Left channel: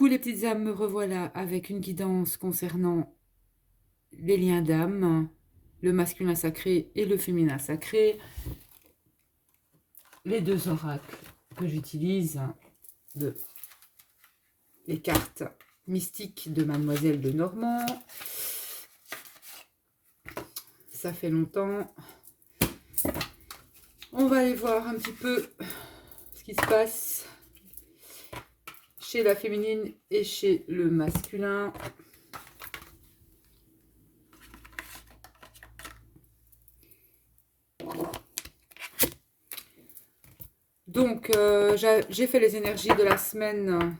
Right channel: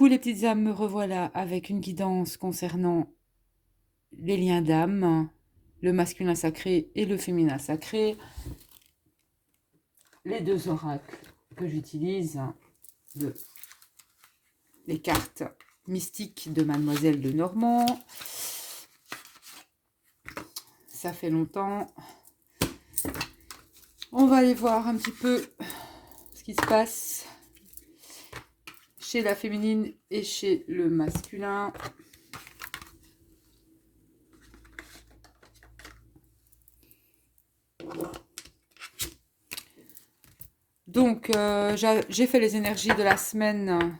Coucou les petites âmes, me revoilà avec une guidance concernant les liens d'âme, le masculin sacré et le féminin sacré. Les deux oracles que j'utilise, les cartes mystiques de Mademoiselle de Normand. Ça fait longtemps. On va aller voir un petit peu ce qui se passe chez la féminine et chez le masculin. Donc, j'ai fait les énergies de la semaine.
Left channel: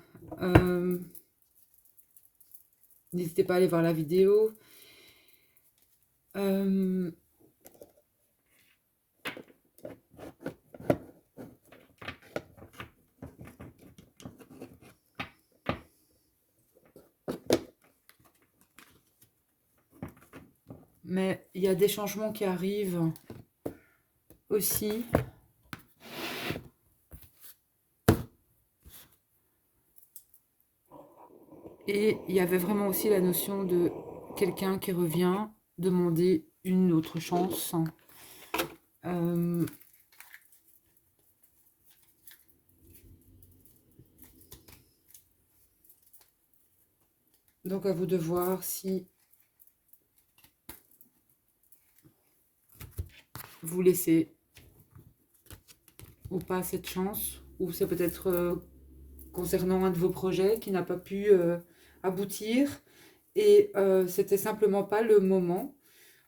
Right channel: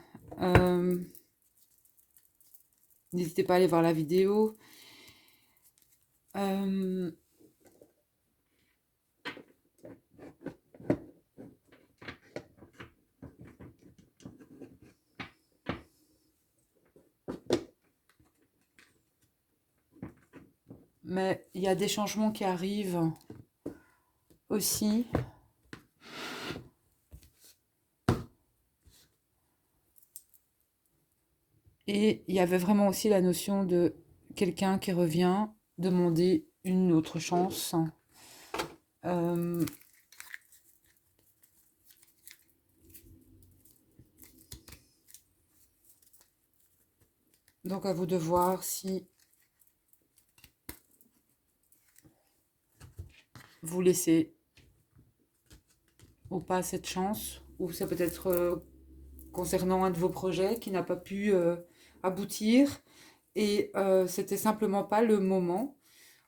N'hésitez pas à aller voir la vidéo. Mais il y a des changements qui arrivent aussi. Et il y avait vraiment aussi la notion de quelqu'un qui revient demander une autre chance. Donc à vous de voir si vous laissez ou pas cette chance, ou c'est peut-être concernant un de vos projets qui n'a pas pu aboutir et c'était simplement pas le moment.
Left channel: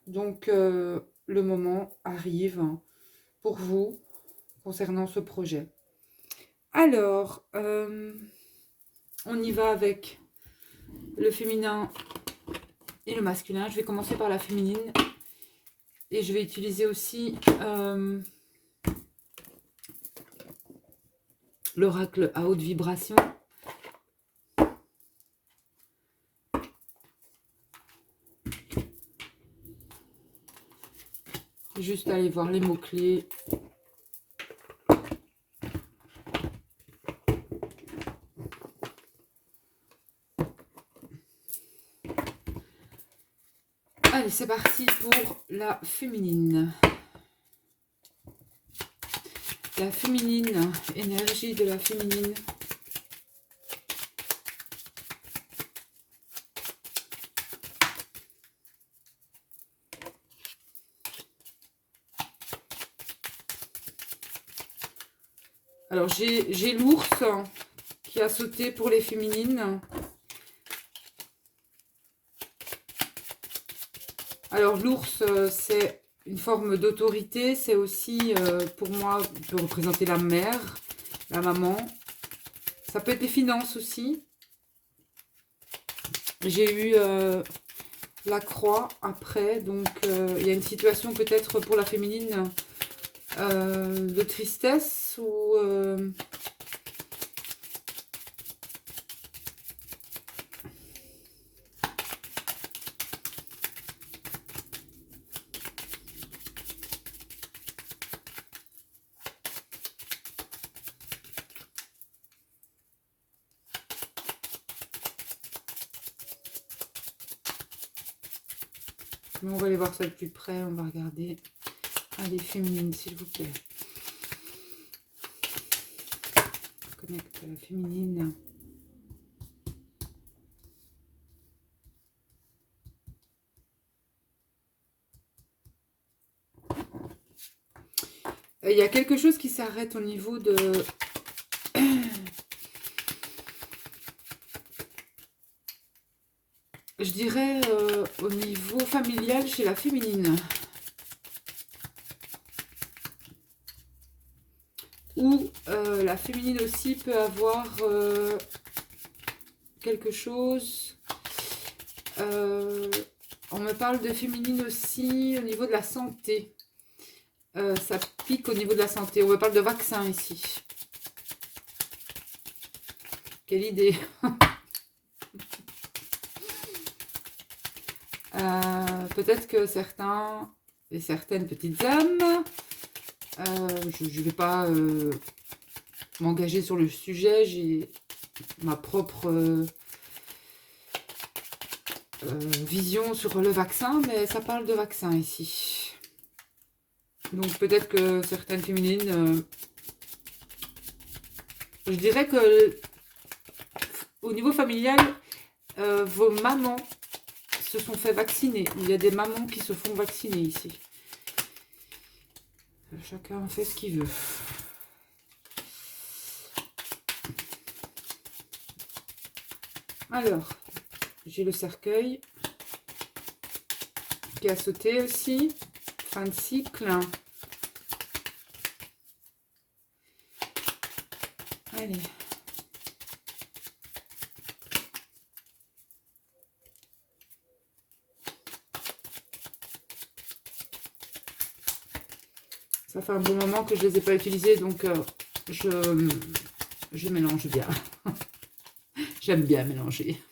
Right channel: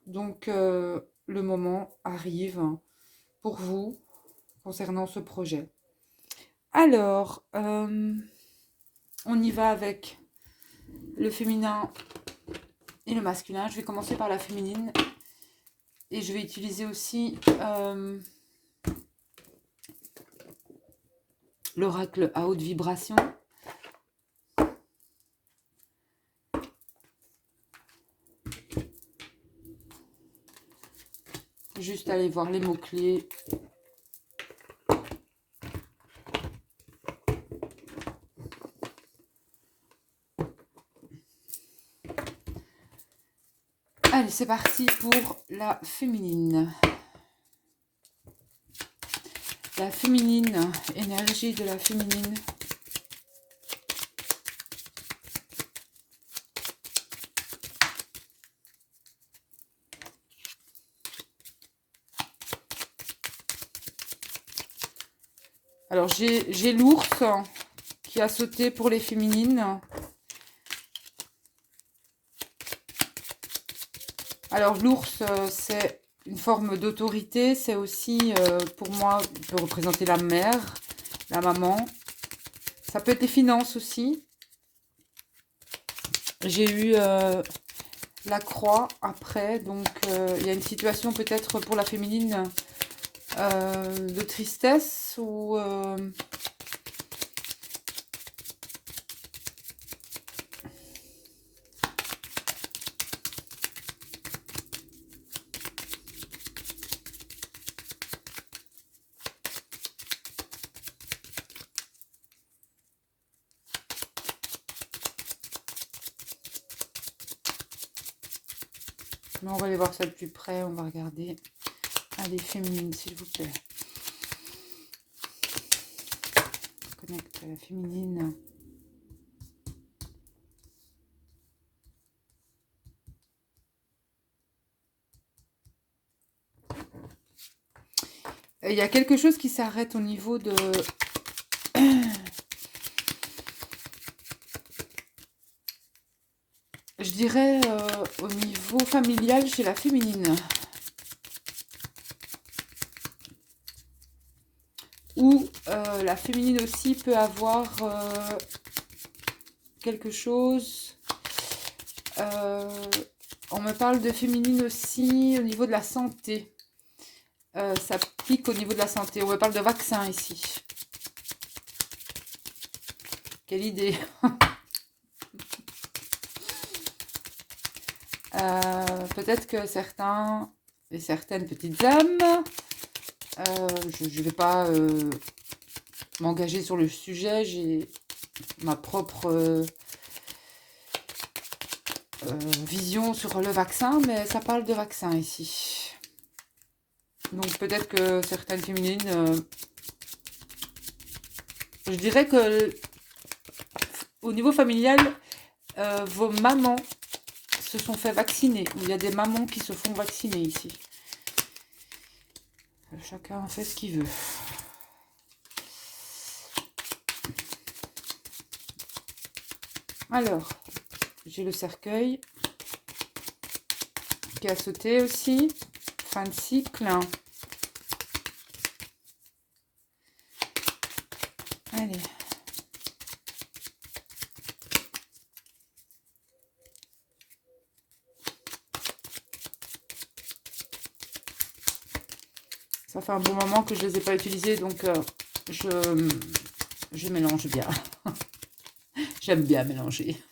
Donc le moment arrive pour vous concernant ce projet. Alors, on y va avec le féminin et le masculin. Je vais commencer par la féminine et je vais utiliser aussi l'oracle à haute vibration. Juste aller voir les mots-clés. Allez, c'est parti pour la féminine. La féminine, énergie de la féminine. Alors, j'ai l'ours qui a sauté pour les féminines. Alors, l'ours, c'est une forme d'autorité. C'est aussi, pour moi, peut représenter la mère, la maman. Ça peut être les finances aussi. J'ai eu la croix après. Donc, il y a une situation peut-être pour la féminine de tristesse ou... Mais on va aller voir ça de plus près. On va regarder. Allez, féminine, s'il vous plaît. Connecte la féminine. Il y a quelque chose qui s'arrête au niveau de... Je dirais au niveau familial chez la féminine. Ou la féminine aussi peut avoir quelque chose. On me parle de féminine aussi au niveau de la santé. Ça pique au niveau de la santé. On me parle de vaccin ici. Quelle idée. Peut-être que certains et certaines petites âmes, je ne vais pas m'engager sur le sujet, j'ai ma propre vision sur le vaccin, mais ça parle de vaccin ici. Donc peut-être que certaines féminines, je dirais que au niveau familial, vos mamans se sont fait vacciner. Il y a des mamans qui se font vacciner ici. Chacun fait ce qu'il veut. Alors, j'ai le cercueil qui a sauté aussi. Fin de cycle. Allez. Ça fait un bon moment que je ne les ai pas utilisés, donc je mélange bien. J'aime bien mélanger.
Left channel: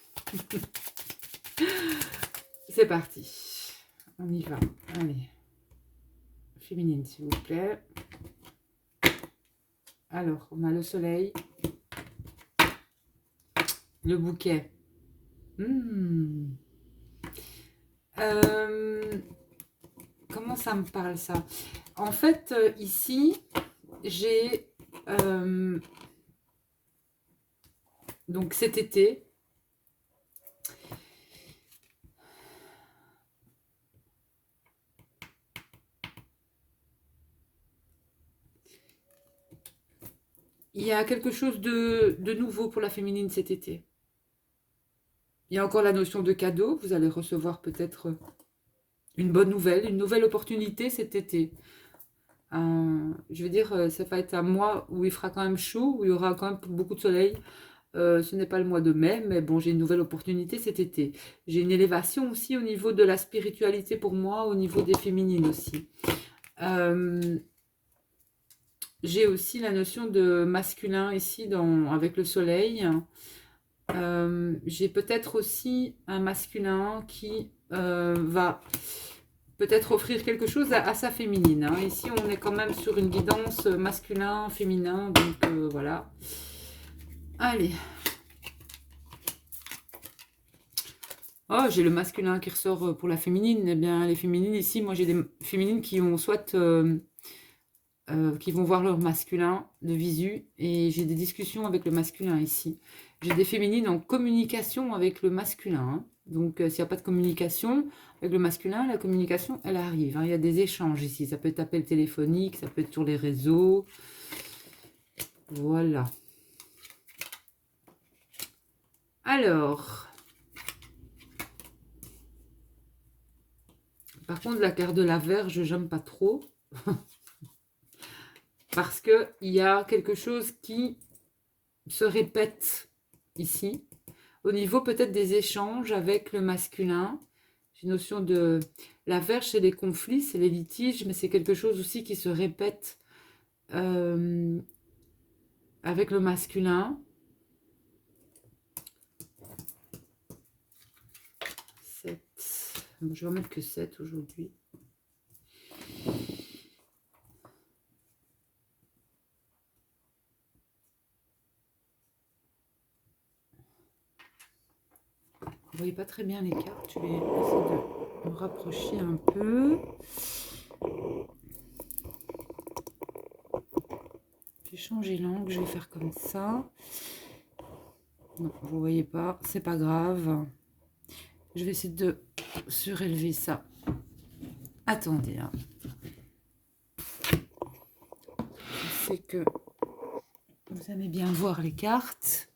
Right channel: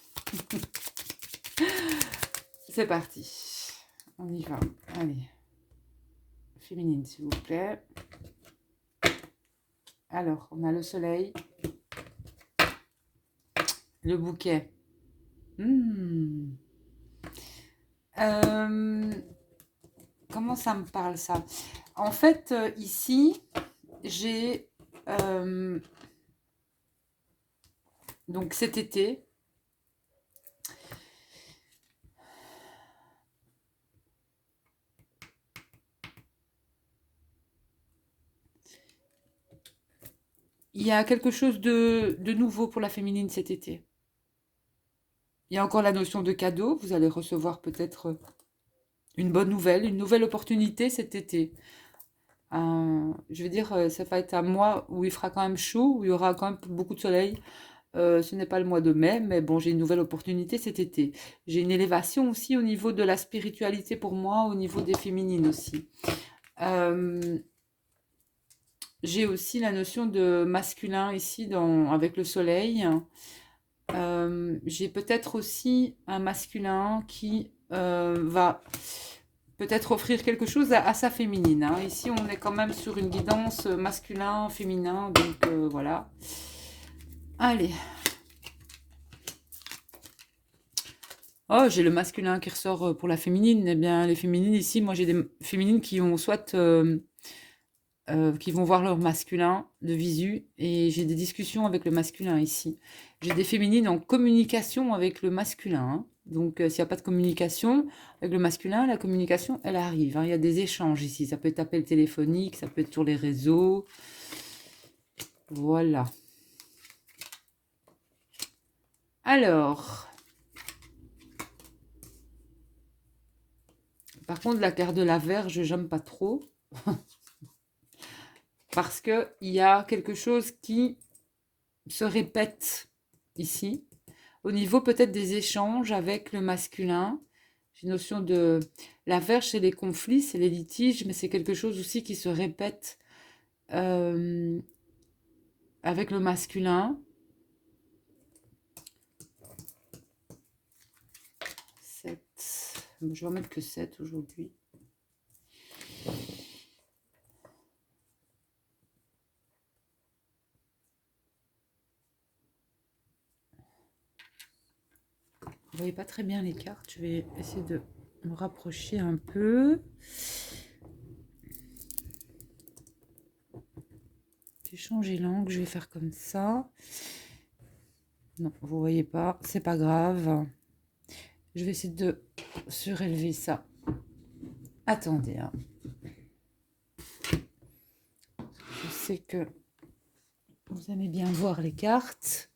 C'est parti. On y va. Allez. Féminine, s'il vous plaît. Alors, on a le soleil. Le bouquet. Comment ça me parle, ça? En fait, ici, j'ai... donc, cet été... Il y a quelque chose de nouveau pour la féminine cet été. Il y a encore la notion de cadeau. Vous allez recevoir peut-être une bonne nouvelle, une nouvelle opportunité cet été. Je veux dire, ça va être un mois où il fera quand même chaud, où il y aura quand même beaucoup de soleil. Ce n'est pas le mois de mai, mais bon, j'ai une nouvelle opportunité cet été. J'ai une élévation aussi au niveau de la spiritualité pour moi, au niveau des féminines aussi. J'ai aussi la notion de masculin ici avec le soleil. J'ai peut-être aussi un masculin qui va peut-être offrir quelque chose à sa féminine. Hein. Ici, on est quand même sur une guidance masculin, féminin, donc voilà. Allez. Oh, j'ai le masculin qui ressort pour la féminine. Eh bien, les féminines ici, moi j'ai des féminines qui ont soit... qui vont voir leur masculin de visu, et j'ai des discussions avec le masculin ici. J'ai des féminines en communication avec le masculin. Hein. Donc, s'il n'y a pas de communication avec le masculin, la communication, elle arrive. Hein. Il y a des échanges ici. Ça peut être appel téléphonique, ça peut être sur les réseaux. Voilà. Alors, par contre, la carte de la Vierge, j'aime pas trop. Parce qu'il y a quelque chose qui se répète ici. Au niveau peut-être des échanges avec le masculin, j'ai une notion de... La Vierge, c'est les conflits, c'est les litiges, mais c'est quelque chose aussi qui se répète avec le masculin. 7. Bon, je vais en mettre que 7 aujourd'hui. Vous voyez pas très bien les cartes. Je vais essayer de me rapprocher un peu. J'ai changé l'angle, je vais faire comme ça. Non, vous voyez pas, c'est pas grave. Je vais essayer de surélever ça. Attendez. Hein. Je sais que vous aimez bien voir les cartes.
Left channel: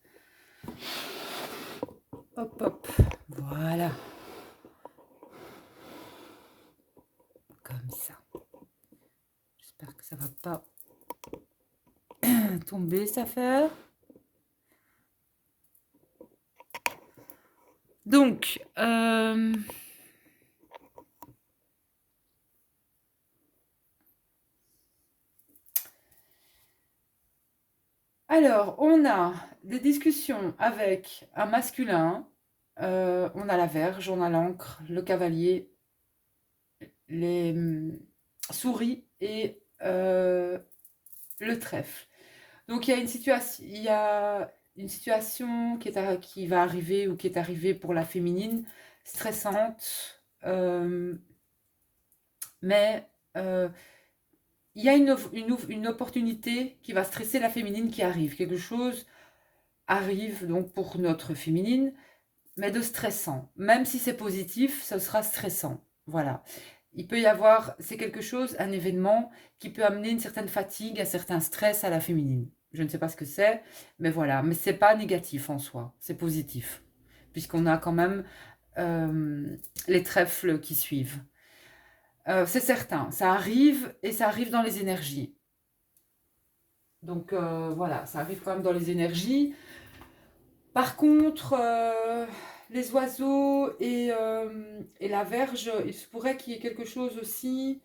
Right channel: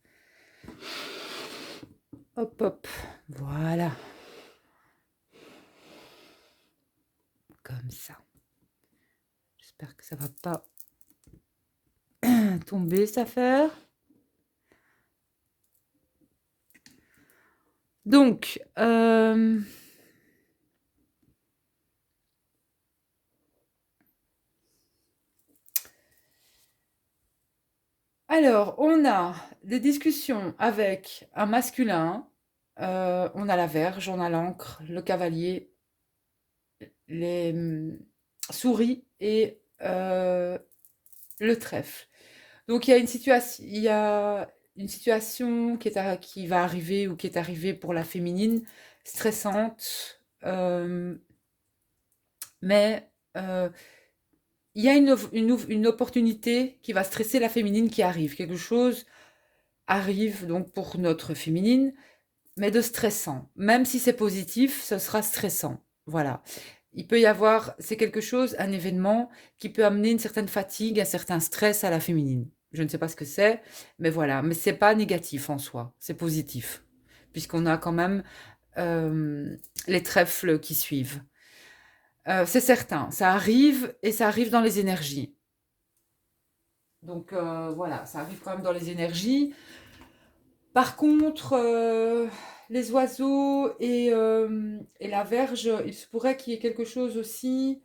Hop, hop. Voilà. Comme ça. J'espère que ça va pas tomber, cette affaire. Donc, alors, on a des discussions avec un masculin. On a la Vierge, on a l'Ancre, le Cavalier, les souris et le trèfle. Donc, il y a une situation, il y a une situation qui va arriver ou qui est arrivée pour la féminine, stressante, mais il y a une opportunité qui va stresser la féminine qui arrive. Quelque chose arrive donc pour notre féminine, mais de stressant. Même si c'est positif, ce sera stressant. Voilà. Il peut y avoir, c'est quelque chose, un événement qui peut amener une certaine fatigue, un certain stress à la féminine. Je ne sais pas ce que c'est, mais voilà. Mais c'est pas négatif en soi, c'est positif, puisqu'on a quand même les trèfles qui suivent. C'est certain, ça arrive et ça arrive dans les énergies. Donc voilà, ça arrive quand même dans les énergies. Par contre, les oiseaux et la verge, il se pourrait qu'il y ait quelque chose aussi.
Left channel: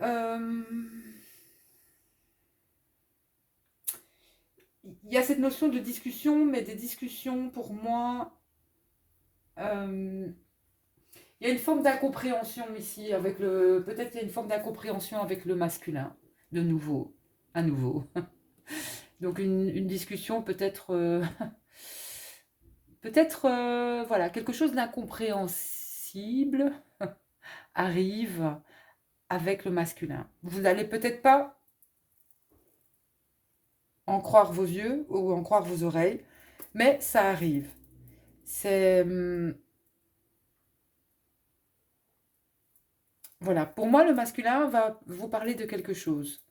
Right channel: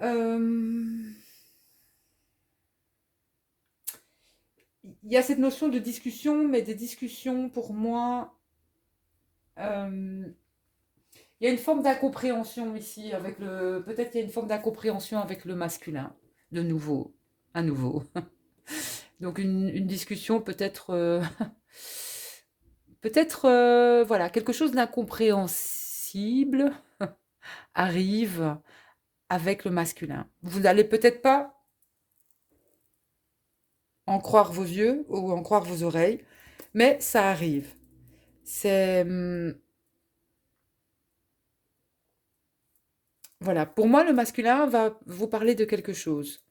euh, Il y a cette notion de discussion, mais des discussions, pour moi, euh, il y a une forme d'incompréhension ici avec le. Peut-être qu'il y a une forme d'incompréhension avec le masculin, de nouveau, à nouveau. Donc une discussion peut-être, peut-être, voilà, quelque chose d'incompréhensible arrive avec le masculin. Vous n'allez peut-être pas en croire vos yeux ou en croire vos oreilles, mais ça arrive. C'est voilà, pour moi le masculin va vous parler de quelque chose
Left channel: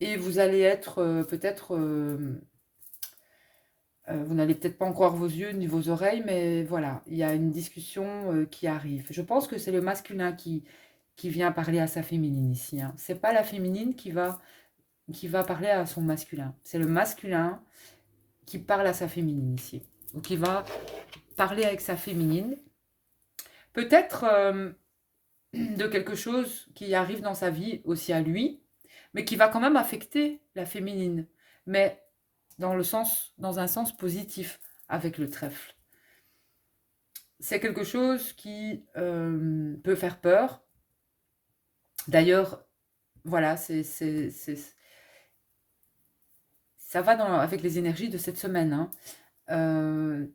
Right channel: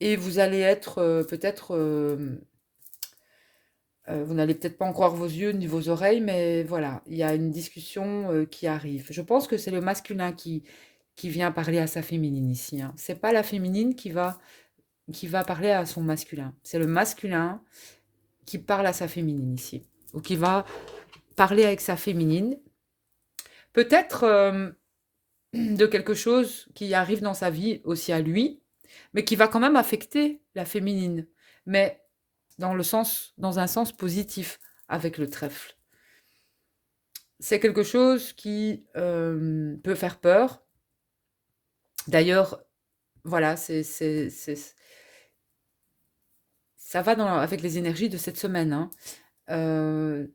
et vous allez être peut-être vous n'allez peut-être pas en croire vos yeux ni vos oreilles, mais voilà, il y a une discussion qui arrive. Je pense que c'est le masculin qui vient parler à sa féminine ici, hein. C'est pas la féminine qui va parler à son masculin. C'est le masculin qui parle à sa féminine ici, ou qui va parler avec sa féminine. Peut-être de quelque chose qui arrive dans sa vie aussi à lui, mais qui va quand même affecter la féminine, mais dans un sens positif avec le trèfle. C'est quelque chose qui peut faire peur. D'ailleurs, voilà, ça va avec les énergies de cette semaine, hein, euh,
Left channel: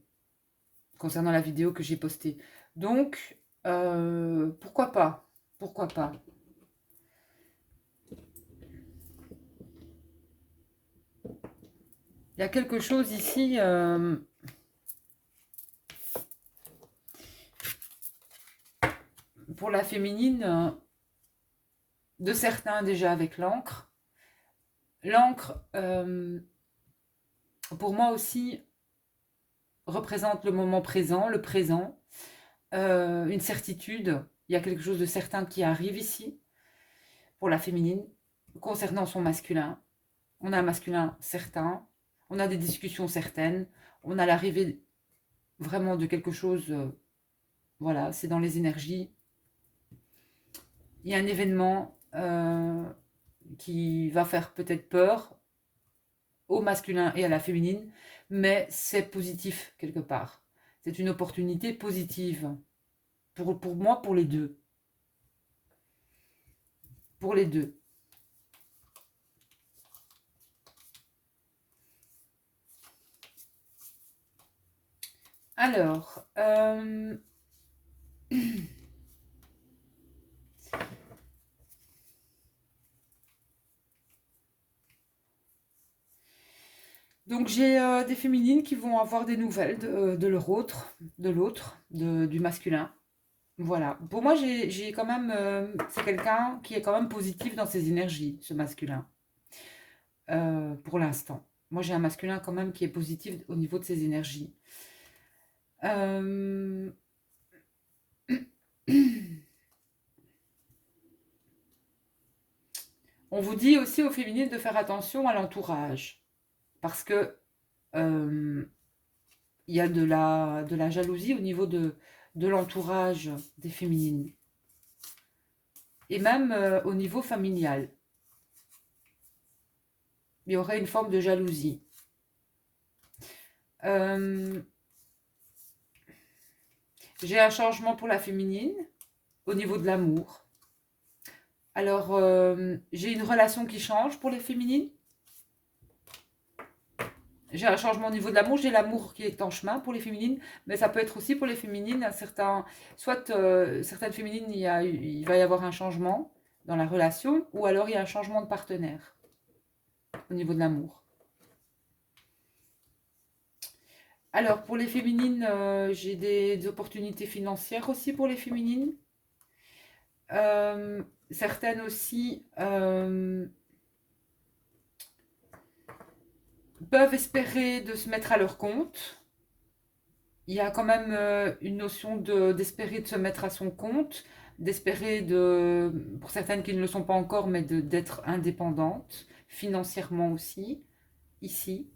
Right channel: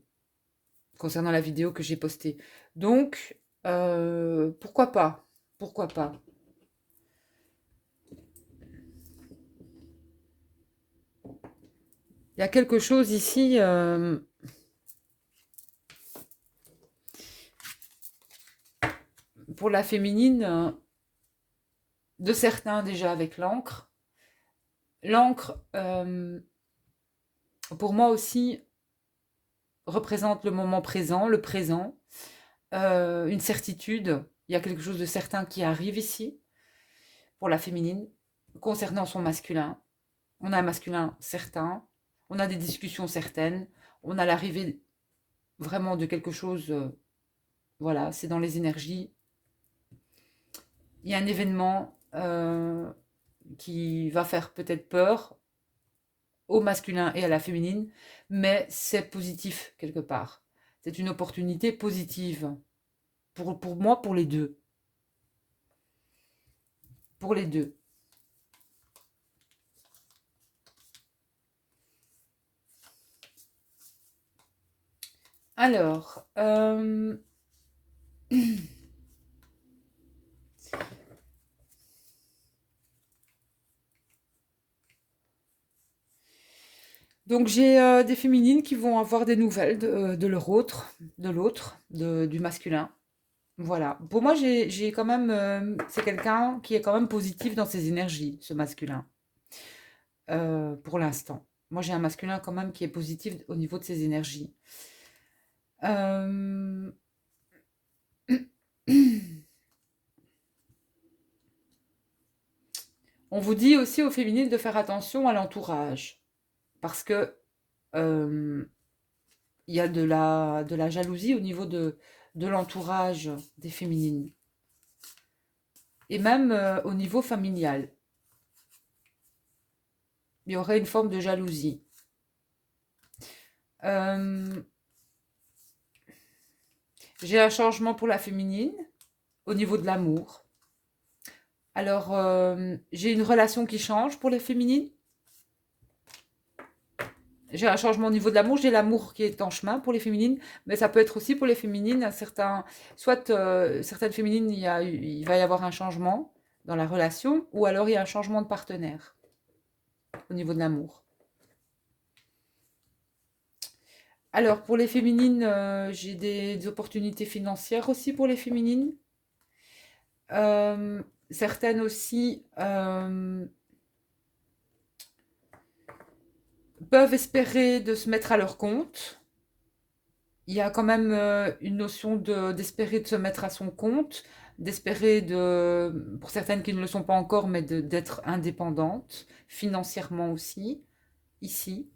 concernant la vidéo que j'ai postée. Donc, pourquoi pas? Pourquoi pas? Il y a quelque chose ici pour la féminine, de certains déjà avec l'encre. L'encre, pour moi aussi, représente le moment présent, le présent, une certitude. Il y a quelque chose de certain qui arrive ici, pour la féminine, concernant son masculin. On a un masculin certain, on a des discussions certaines, on a l'arrivée vraiment de quelque chose, voilà, c'est dans les énergies. Il y a un événement qui va faire peut-être peur au masculin et à la féminine, mais c'est positif quelque part. C'est une opportunité positive pour moi, pour les deux. Pour les deux. Alors, donc j'ai des féminines qui vont avoir des nouvelles de leur autre, de l'autre, du masculin. Voilà. Pour moi, j'ai quand même, c'est quelqu'un qui est quand même positif dans ses énergies, ce masculin, pour l'instant. Moi, j'ai un masculin quand même qui est positif au niveau de ses énergies. Euh, On vous dit aussi aux féminines de faire attention à l'entourage, parce que il y a de la jalousie au niveau de l'entourage des féminines, et même au niveau familial. Il y aurait une forme de jalousie. Euh, j'ai un changement pour la féminine au niveau de l'amour. Alors, j'ai une relation qui change pour les féminines. j'ai un changement au niveau de l'amour, j'ai l'amour qui est en chemin pour les féminines, mais ça peut être aussi pour les féminines, soit certaines féminines, il va y avoir un changement dans la relation, ou alors il y a un changement de partenaire au niveau de l'amour. Alors pour les féminines, j'ai des opportunités financières aussi pour les féminines. Certaines aussi peuvent espérer de se mettre à leur compte. Il y a quand même une notion d'espérer de se mettre à son compte, d'espérer pour certaines qui ne le sont pas encore, mais d'être indépendante, financièrement aussi, ici.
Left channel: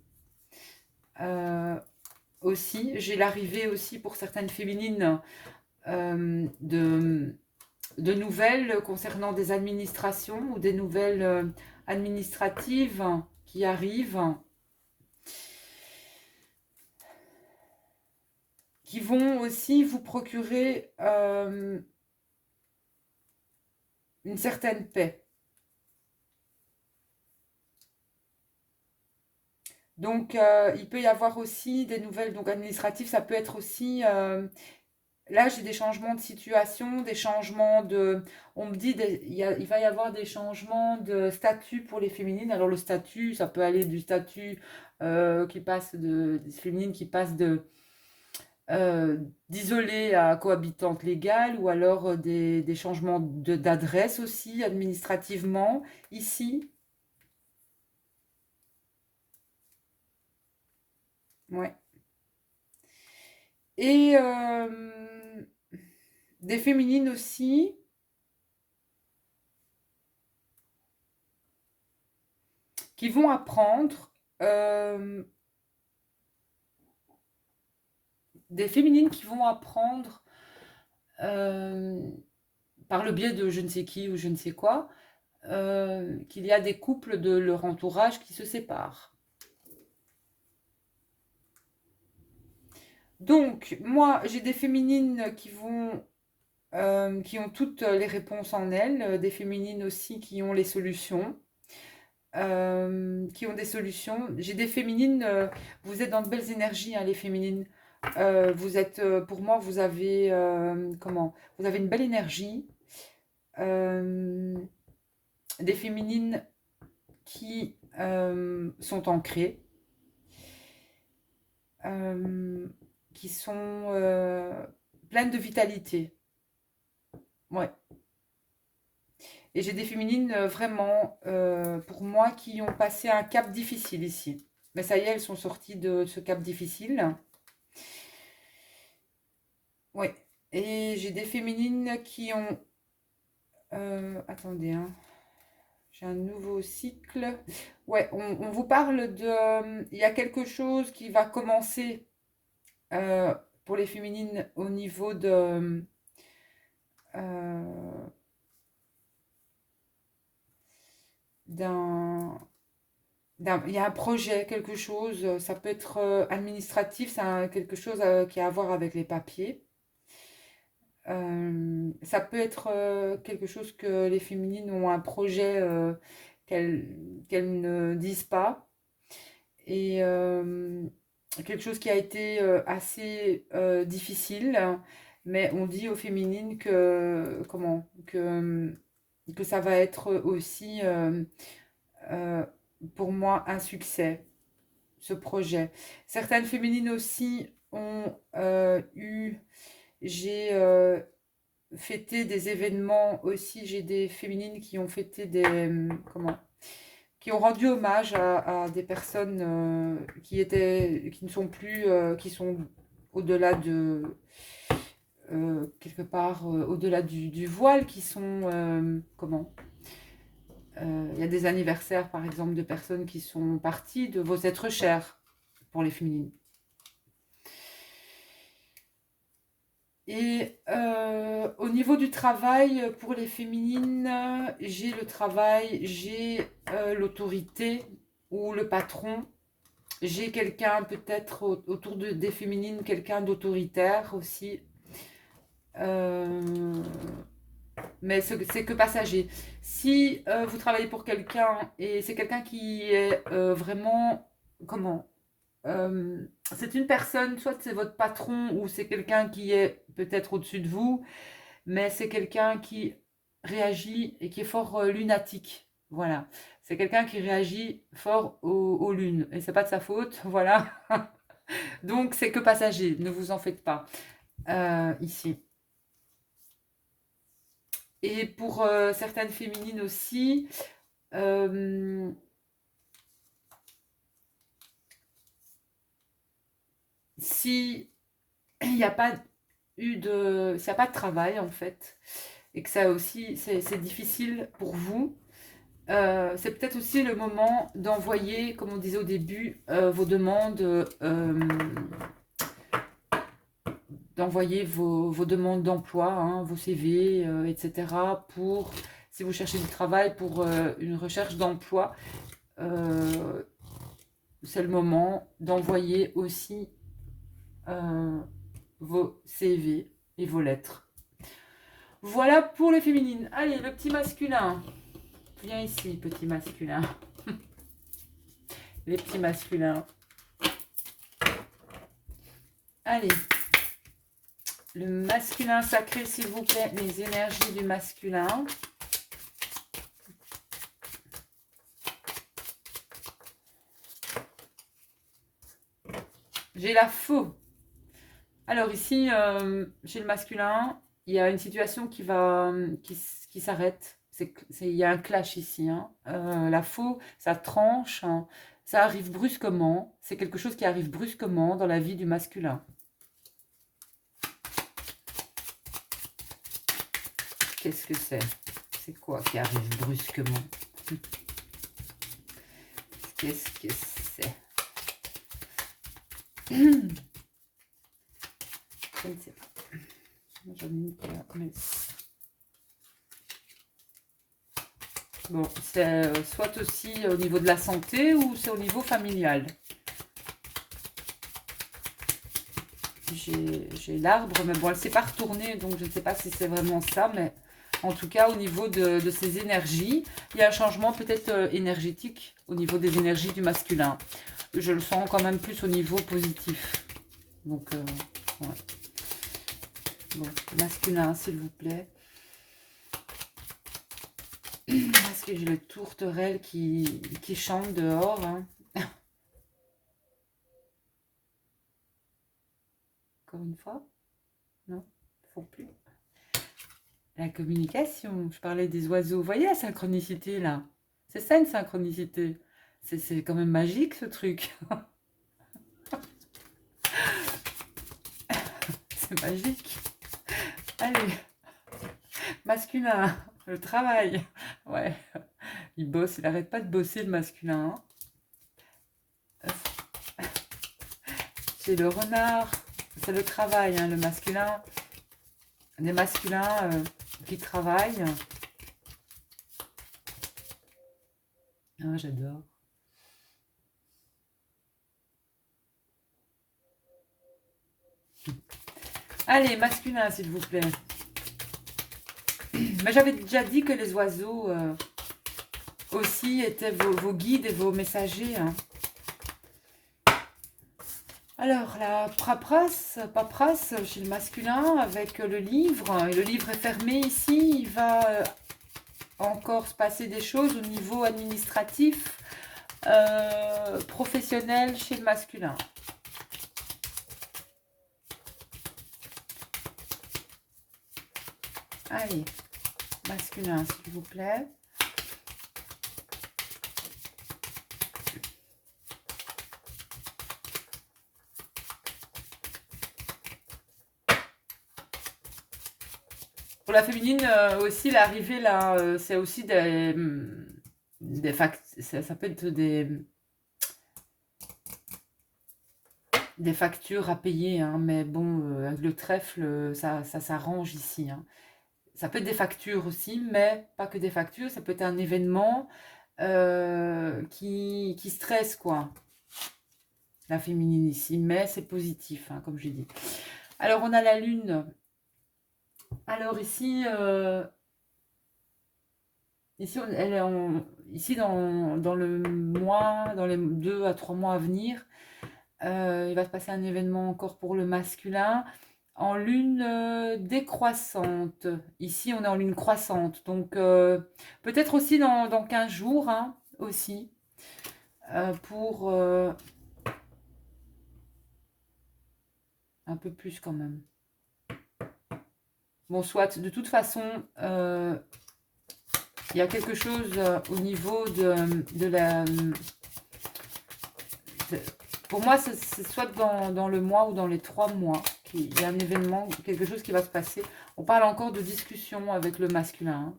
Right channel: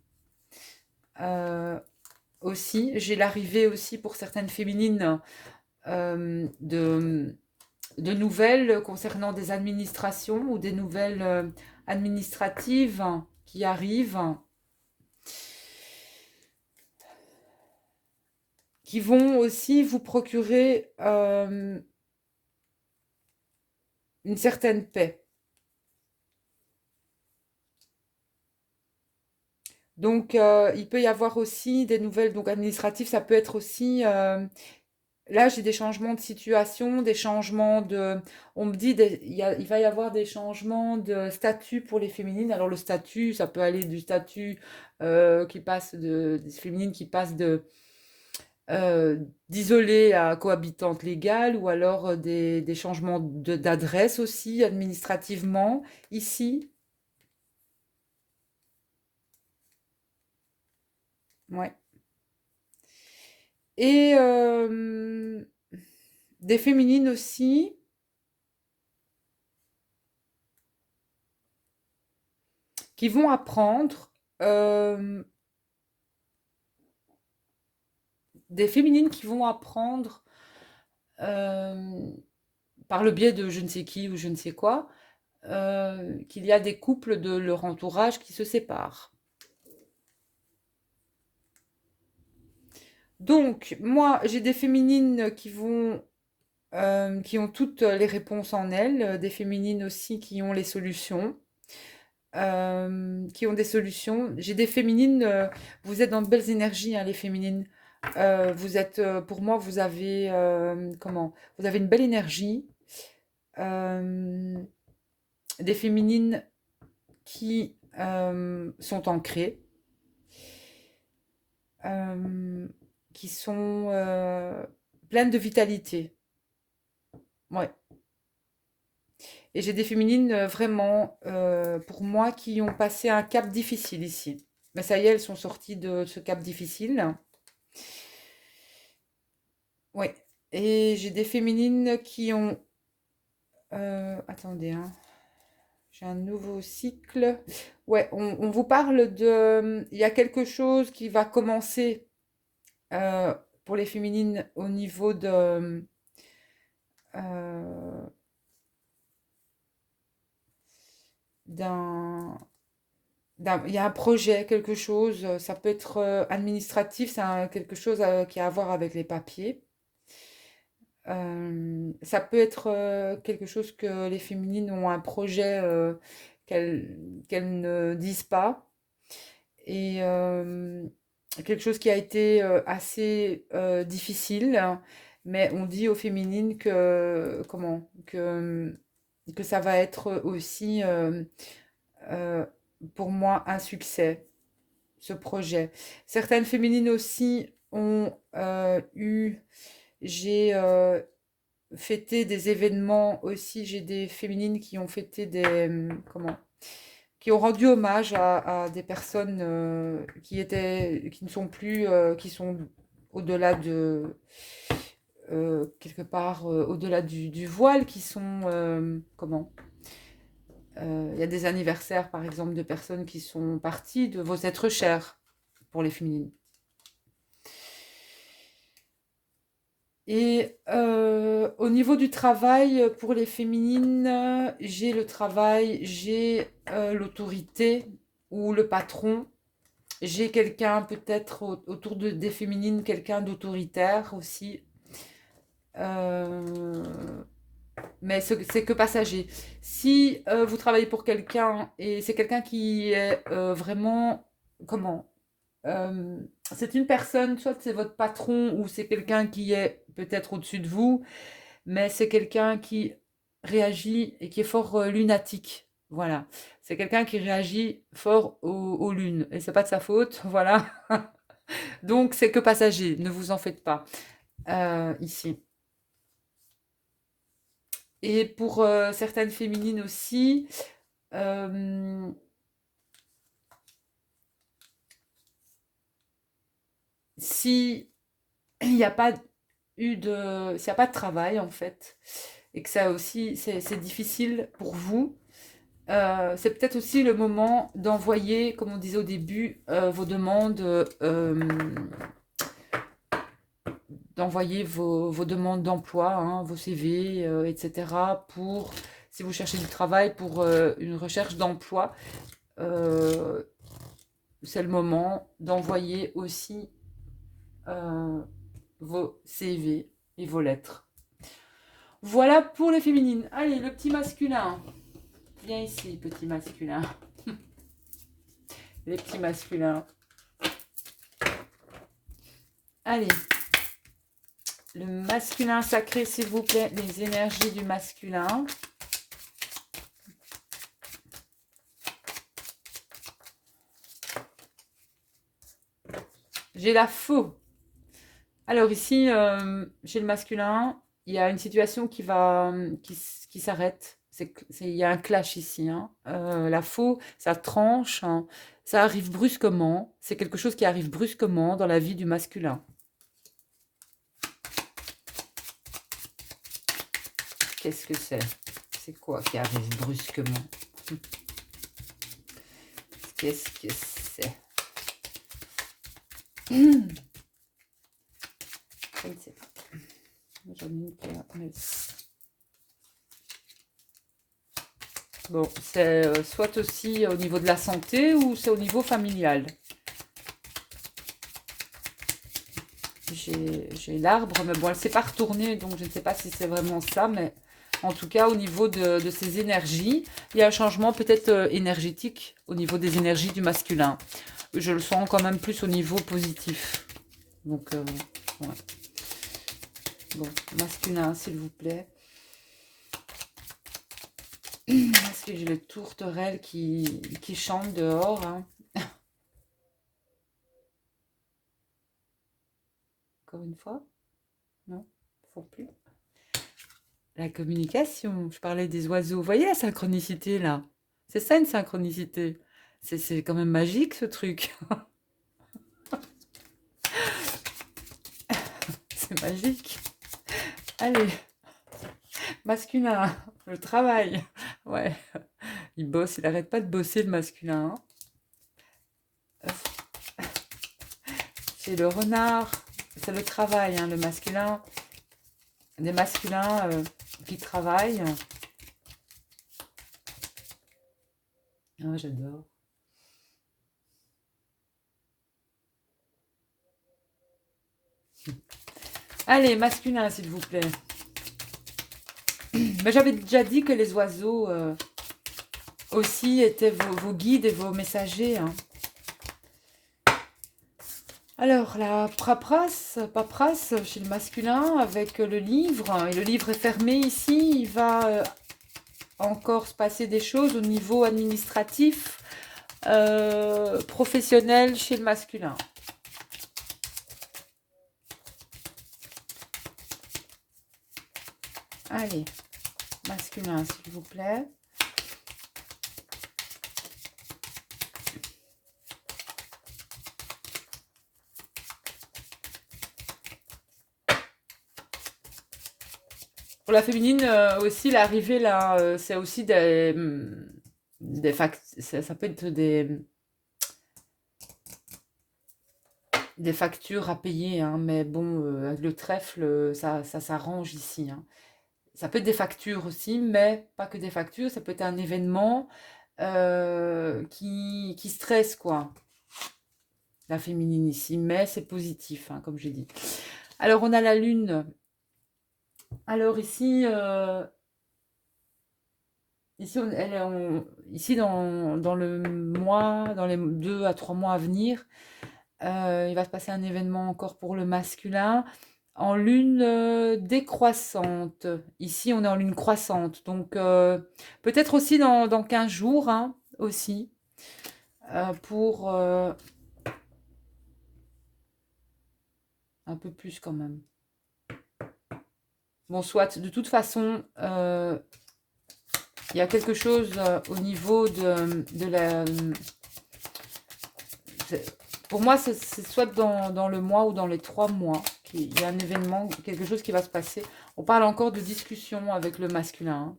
Euh, Aussi, j'ai l'arrivée aussi pour certaines féminines de nouvelles concernant des administrations ou des nouvelles administratives qui arrivent, qui vont aussi vous procurer une certaine paix. Donc, il peut y avoir aussi des nouvelles donc administratives, ça peut être aussi... là, j'ai des changements de situation, des changements de... On me dit, il va y avoir des changements de statut pour les féminines. Alors, le statut, ça peut aller du statut des féminines qui passent euh, d'isolée à cohabitante légale, ou alors des changements d'adresse aussi, administrativement, ici. Ouais. Et des féminines aussi qui vont apprendre, euh, des féminines qui vont apprendre euh, par le biais de je ne sais qui ou je ne sais quoi, qu'il y a des couples de leur entourage qui se séparent. Donc, moi, j'ai des féminines qui ont toutes les réponses en elles, des féminines aussi qui ont les solutions. Qui ont des solutions. J'ai des féminines, vous êtes dans de belles énergies, hein, les féminines. Pour moi, vous avez une belle énergie. Euh, des féminines qui sont ancrées, euh, qui sont pleines de vitalité. Ouais. Et j'ai des féminines vraiment, pour moi, qui ont passé un cap difficile ici. Mais ça y est, elles sont sorties de ce cap difficile. Ouais. Et j'ai des féminines qui ont... attendez, hein. J'ai un nouveau cycle. Ouais, on vous parle de... Il y a quelque chose qui va commencer euh, pour les féminines au niveau euh, d'un... Il y a un projet, quelque chose, ça peut être administratif, quelque chose qui a à voir avec les papiers. Ça peut être quelque chose que les féminines ont un projet qu'elles ne disent pas. Et quelque chose qui a été assez difficile, mais on dit aux féminines que ça va être aussi euh, pour moi un succès, ce projet. Certaines féminines aussi ont j'ai fêté des événements aussi, j'ai des féminines qui ont fêté qui ont rendu hommage à des personnes qui ne sont plus, qui sont au-delà quelque part, au-delà du voile, qui sont, il y a des anniversaires, par exemple, de personnes qui sont parties de vos êtres chers pour les féminines. Et au niveau du travail, pour les féminines, j'ai le travail, j'ai l'autorité ou le patron. J'ai quelqu'un peut-être autour des féminines, quelqu'un d'autoritaire aussi. Euh, mais c'est que passager. Si vous travaillez pour quelqu'un et c'est quelqu'un qui est vraiment, comment? c'est une personne, soit c'est votre patron ou c'est quelqu'un qui est peut-être au-dessus de vous, mais c'est quelqu'un qui réagit et qui est fort lunatique. Voilà. C'est quelqu'un qui réagit fort aux lunes. Et c'est pas de sa faute, voilà. Donc c'est que passager, ne vous en faites pas. Ici. Et pour certaines féminines aussi, euh, si il n'y a pas s'il n'y a pas de travail en fait, et que ça aussi c'est difficile pour vous, c'est peut-être aussi le moment d'envoyer, comme on disait au début, vos demandes, d'envoyer vos demandes d'emploi, hein, vos CV, etc. pour, si vous cherchez du travail, pour une recherche d'emploi. euh, c'est le moment d'envoyer aussi euh, vos CV et vos lettres. Voilà pour les féminines. Allez, le petit masculin. Viens ici, petit masculin. Les petits masculins. Allez. Le masculin sacré, s'il vous plaît. Les énergies du masculin. J'ai la faux. Alors ici, chez le masculin, il y a une situation qui s'arrête. Il y a un clash ici, hein. La faux, ça tranche, hein. Ça arrive brusquement. C'est quelque chose qui arrive brusquement dans la vie du masculin. Qu'est-ce que c'est? C'est quoi qui arrive brusquement? Qu'est-ce que c'est? Je ne sais pas. Bon, c'est soit aussi au niveau de la santé ou c'est au niveau familial. J'ai l'arbre, mais bon, elle ne s'est pas retournée, donc je ne sais pas si c'est vraiment ça, mais en tout cas, au niveau de ses énergies, il y a un changement peut-être énergétique au niveau des énergies du masculin. Je le sens quand même plus au niveau positif. Donc, ouais. Bon, masculin, s'il vous plaît. Parce que j'ai le tourterelle qui chante dehors, hein. Encore une fois? Non, faut plus. La communication, je parlais des oiseaux. Vous voyez la synchronicité là? C'est ça une synchronicité. C'est quand même magique ce truc. C'est magique. Allez, masculin, le travail. Ouais, il bosse, il arrête pas de bosser le masculin, hein. C'est le renard, c'est le travail, hein, le masculin. Des masculins qui travaillent. Ah, j'adore. Allez, masculin, s'il vous plaît. Mais j'avais déjà dit que les oiseaux aussi étaient vos guides et vos messagers, hein. Alors, la paperasse chez le masculin avec le livre. Et le livre est fermé ici. Il va encore se passer des choses au niveau administratif, professionnel chez le masculin. Allez, masculin, s'il vous plaît. Pour la féminine aussi, l'arrivée là, c'est aussi ça peut être des factures à payer, hein, mais bon, avec le trèfle, ça s'arrange ici, hein. Ça peut être des factures aussi, mais pas que des factures, ça peut être un événement qui stresse, quoi, la féminine ici, mais c'est positif, hein, comme j'ai dit. Alors, on a la lune. Alors ici, ici, ici dans le mois, dans les 2 à 3 mois à venir, Il va se passer un événement encore pour le masculin en lune décroissante. Ici, on est en lune croissante. Donc, peut-être aussi dans 15 jours, hein, aussi, pour un peu plus quand même. Bon, soit, de toute façon, il y a quelque chose au niveau de la... Pour moi, c'est soit dans le mois ou dans les 3 mois qu'il y a un événement, quelque chose qui va se passer. On parle encore de discussion avec le masculin, hein.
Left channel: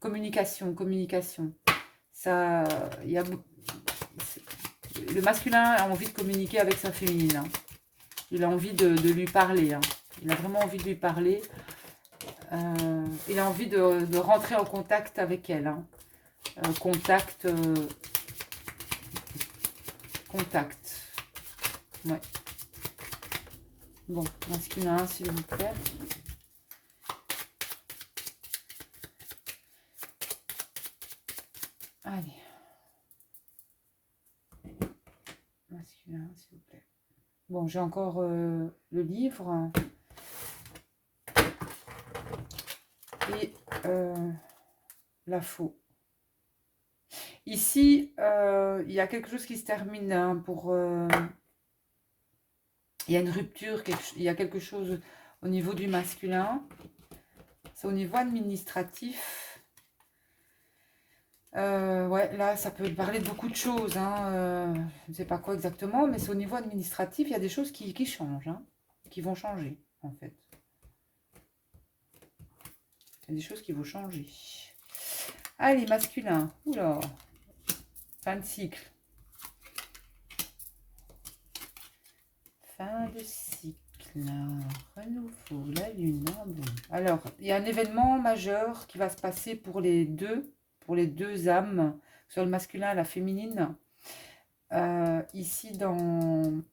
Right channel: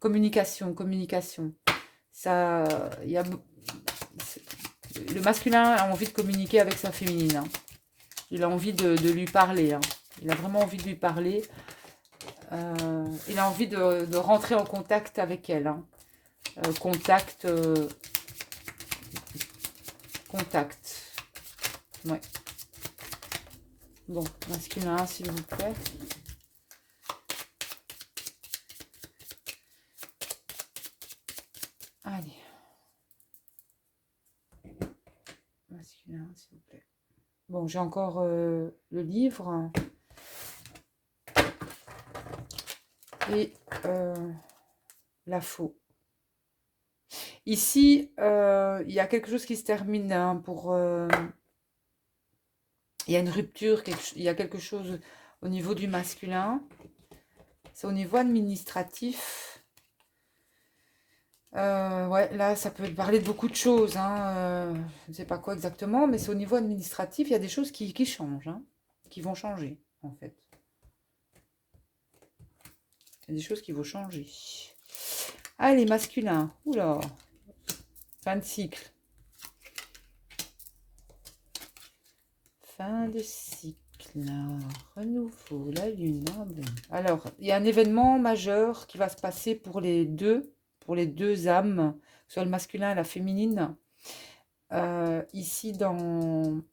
Communication, communication. Ça, il y a, le masculin a envie de communiquer avec sa féminine, hein. Il a envie de lui parler, hein. Il a vraiment envie de lui parler. Il a envie de rentrer en contact avec elle, hein. Contact, contact. Ouais. Bon, masculin, s'il vous plaît. Allez. Masculin, s'il vous plaît. Bon, j'ai encore le livre. Et la faux. Ici, il y a quelque chose qui se termine, hein, pour... il y a une rupture, il y a quelque chose au niveau du masculin. C'est au niveau administratif. Ouais, là, ça peut parler de beaucoup de choses, hein, je ne sais pas quoi exactement, mais c'est au niveau administratif, il y a des choses qui changent, hein, qui vont changer, en fait. Il y a des choses qui vont changer. Allez, masculin. Oula. Fin de cycle. Fin de cycle. Renouveau, la lune. Hein, bon. Alors, il y a un événement majeur qui va se passer pour les deux âmes, soit le masculin et la féminine. Ici dans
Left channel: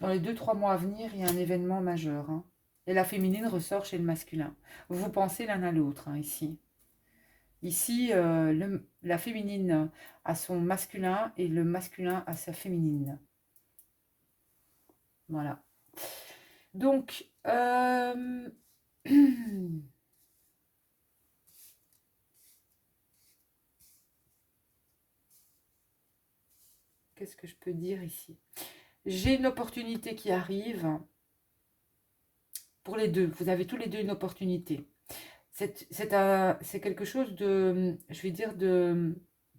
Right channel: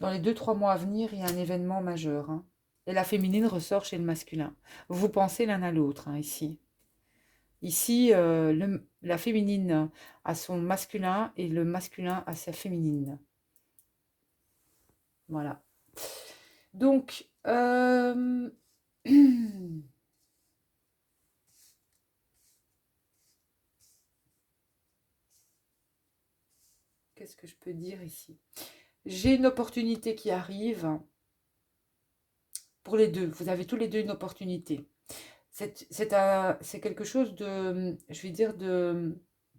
les 2-3 mois à venir, il y a un événement majeur, hein. Et la féminine ressort chez le masculin. Vous pensez l'un à l'autre, hein, ici. Ici, la féminine a son masculin et le masculin a sa féminine. Voilà. Donc, qu'est-ce que je peux dire ici? J'ai une opportunité qui arrive pour les deux. Vous avez tous les deux une opportunité. C'est quelque chose de, je vais dire,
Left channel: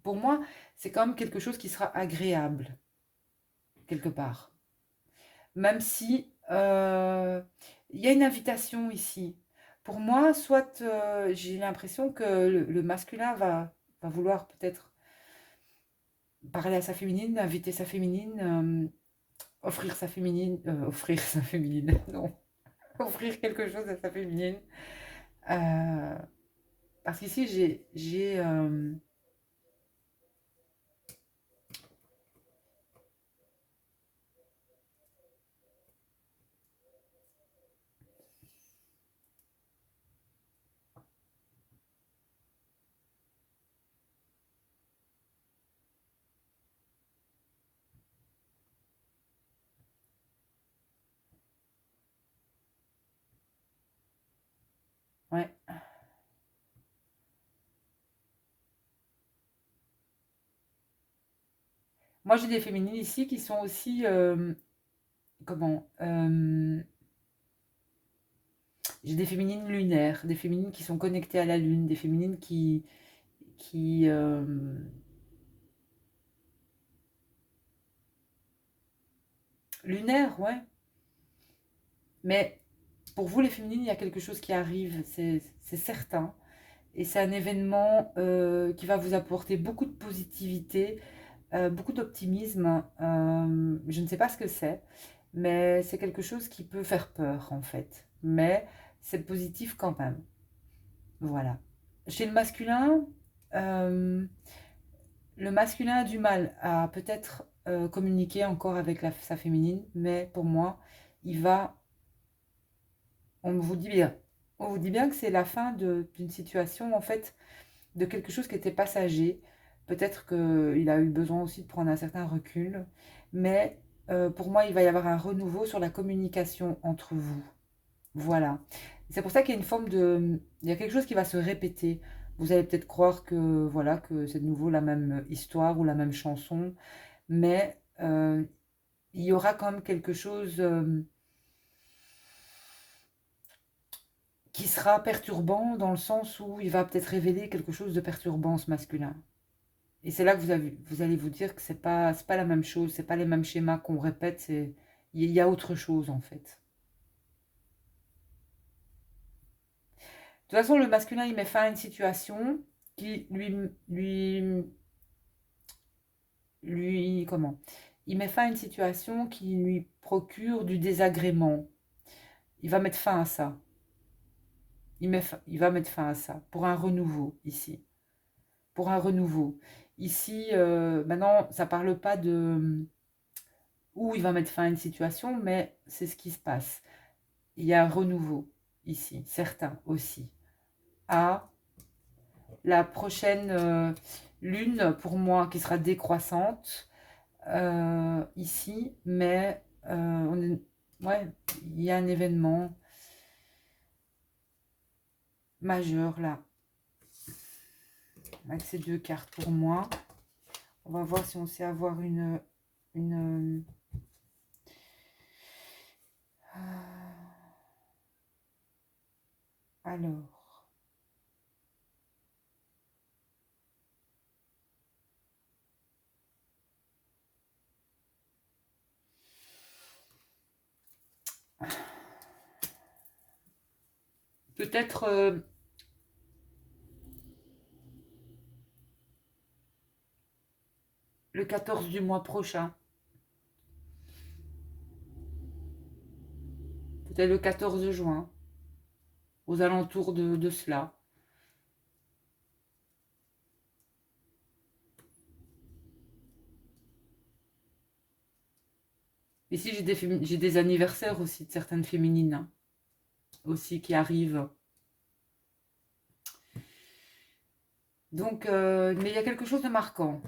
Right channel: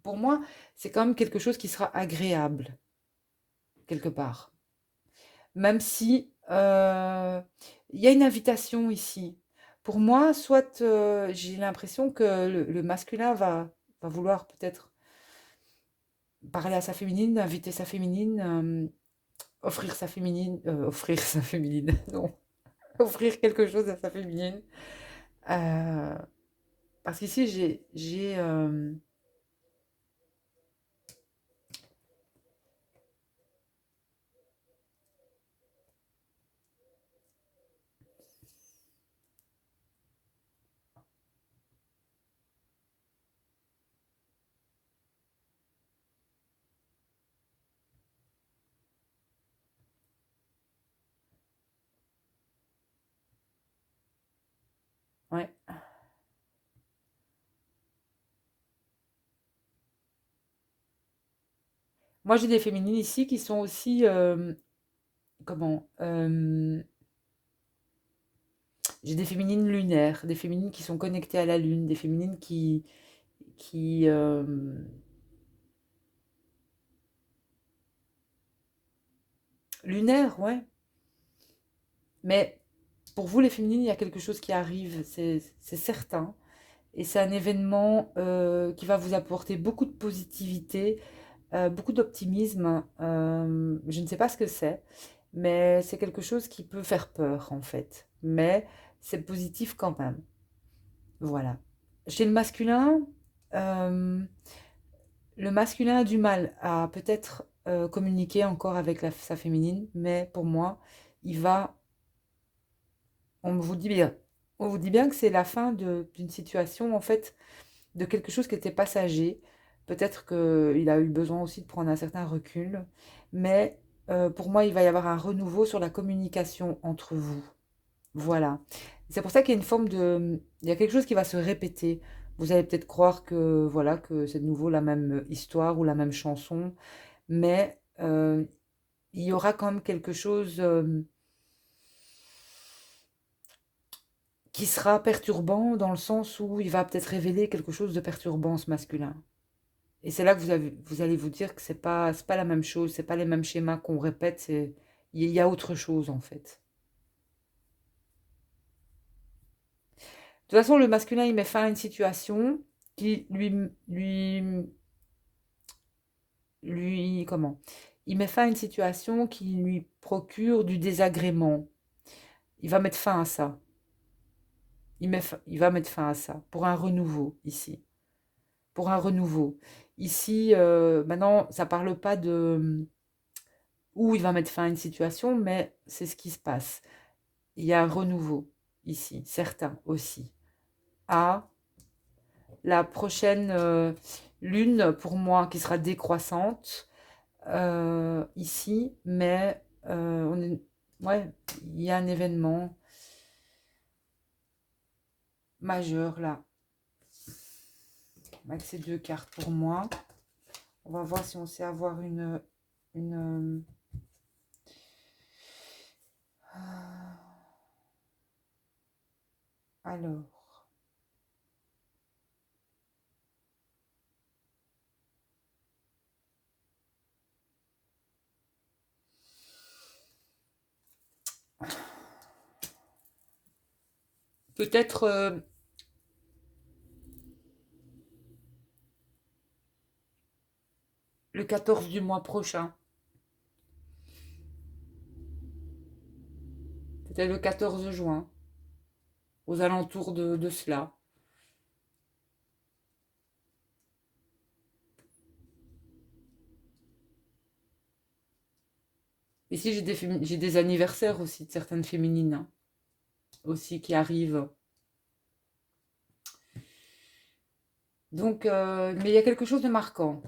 pour moi, c'est quand même quelque chose qui sera agréable, quelque part. Même si il y a une invitation ici. Pour moi, soit j'ai l'impression que le masculin va vouloir peut-être parler à sa féminine, inviter sa féminine, offrir sa féminine, non, offrir quelque chose à sa féminine. Euh, Parce qu'ici, ouais. Moi, j'ai des féminines ici qui sont aussi, comment, j'ai des féminines lunaires, des féminines qui sont connectées à la lune, des féminines qui lunaires, ouais. Mais pour vous, les féminines, il y a quelque chose qui arrive, c'est certain. Et c'est un événement qui va vous apporter beaucoup de positivité, beaucoup d'optimisme. Je ne sais pas ce que c'est, mais c'est quelque chose qui peut faire peur, en fait. Mais c'est positif quand même. Voilà. Chez euh, le masculin a du mal à peut-être communiquer encore avec sa féminine, mais pour moi, il va, on vous dit bien, on vous dit bien que c'est la fin d'une situation, en fait. de quelque chose qui était passager. Peut-être qu'il a eu besoin aussi de prendre un certain recul. Mais pour moi, il va y avoir un renouveau sur la communication entre vous. Voilà. C'est pour ça qu'il y a une forme de... Il y a quelque chose qui va se répéter. Vous allez peut-être croire que, voilà, que c'est de nouveau la même histoire ou la même chanson, mais il y aura quand même quelque chose qui sera perturbant dans le sens où il va peut-être révéler quelque chose de perturbant, ce masculin. Et c'est là que vous allez vous dire que c'est pas la même chose, c'est pas les mêmes schémas qu'on répète, il y a autre chose en fait. De toute façon, le masculin, il met fin à une situation qui comment? Il met fin à une situation qui lui procure du désagrément. Il va mettre fin à ça. Il va mettre fin à ça pour un renouveau ici. Pour un renouveau. Ici, maintenant, ça parle pas de où il va mettre fin à une situation, mais c'est ce qui se passe. Il y a un renouveau ici, certain aussi. À la prochaine lune, pour moi, qui sera décroissante ici, mais ouais, il y a un événement majeur là, avec ces deux cartes pour moi. On va voir si on sait avoir une alors, peut-être le 14 du mois prochain. Peut-être le 14 juin, aux alentours de cela. Ici, j'ai des anniversaires aussi de certaines féminines hein, aussi qui arrivent. Donc, mais il y a quelque chose de marquant.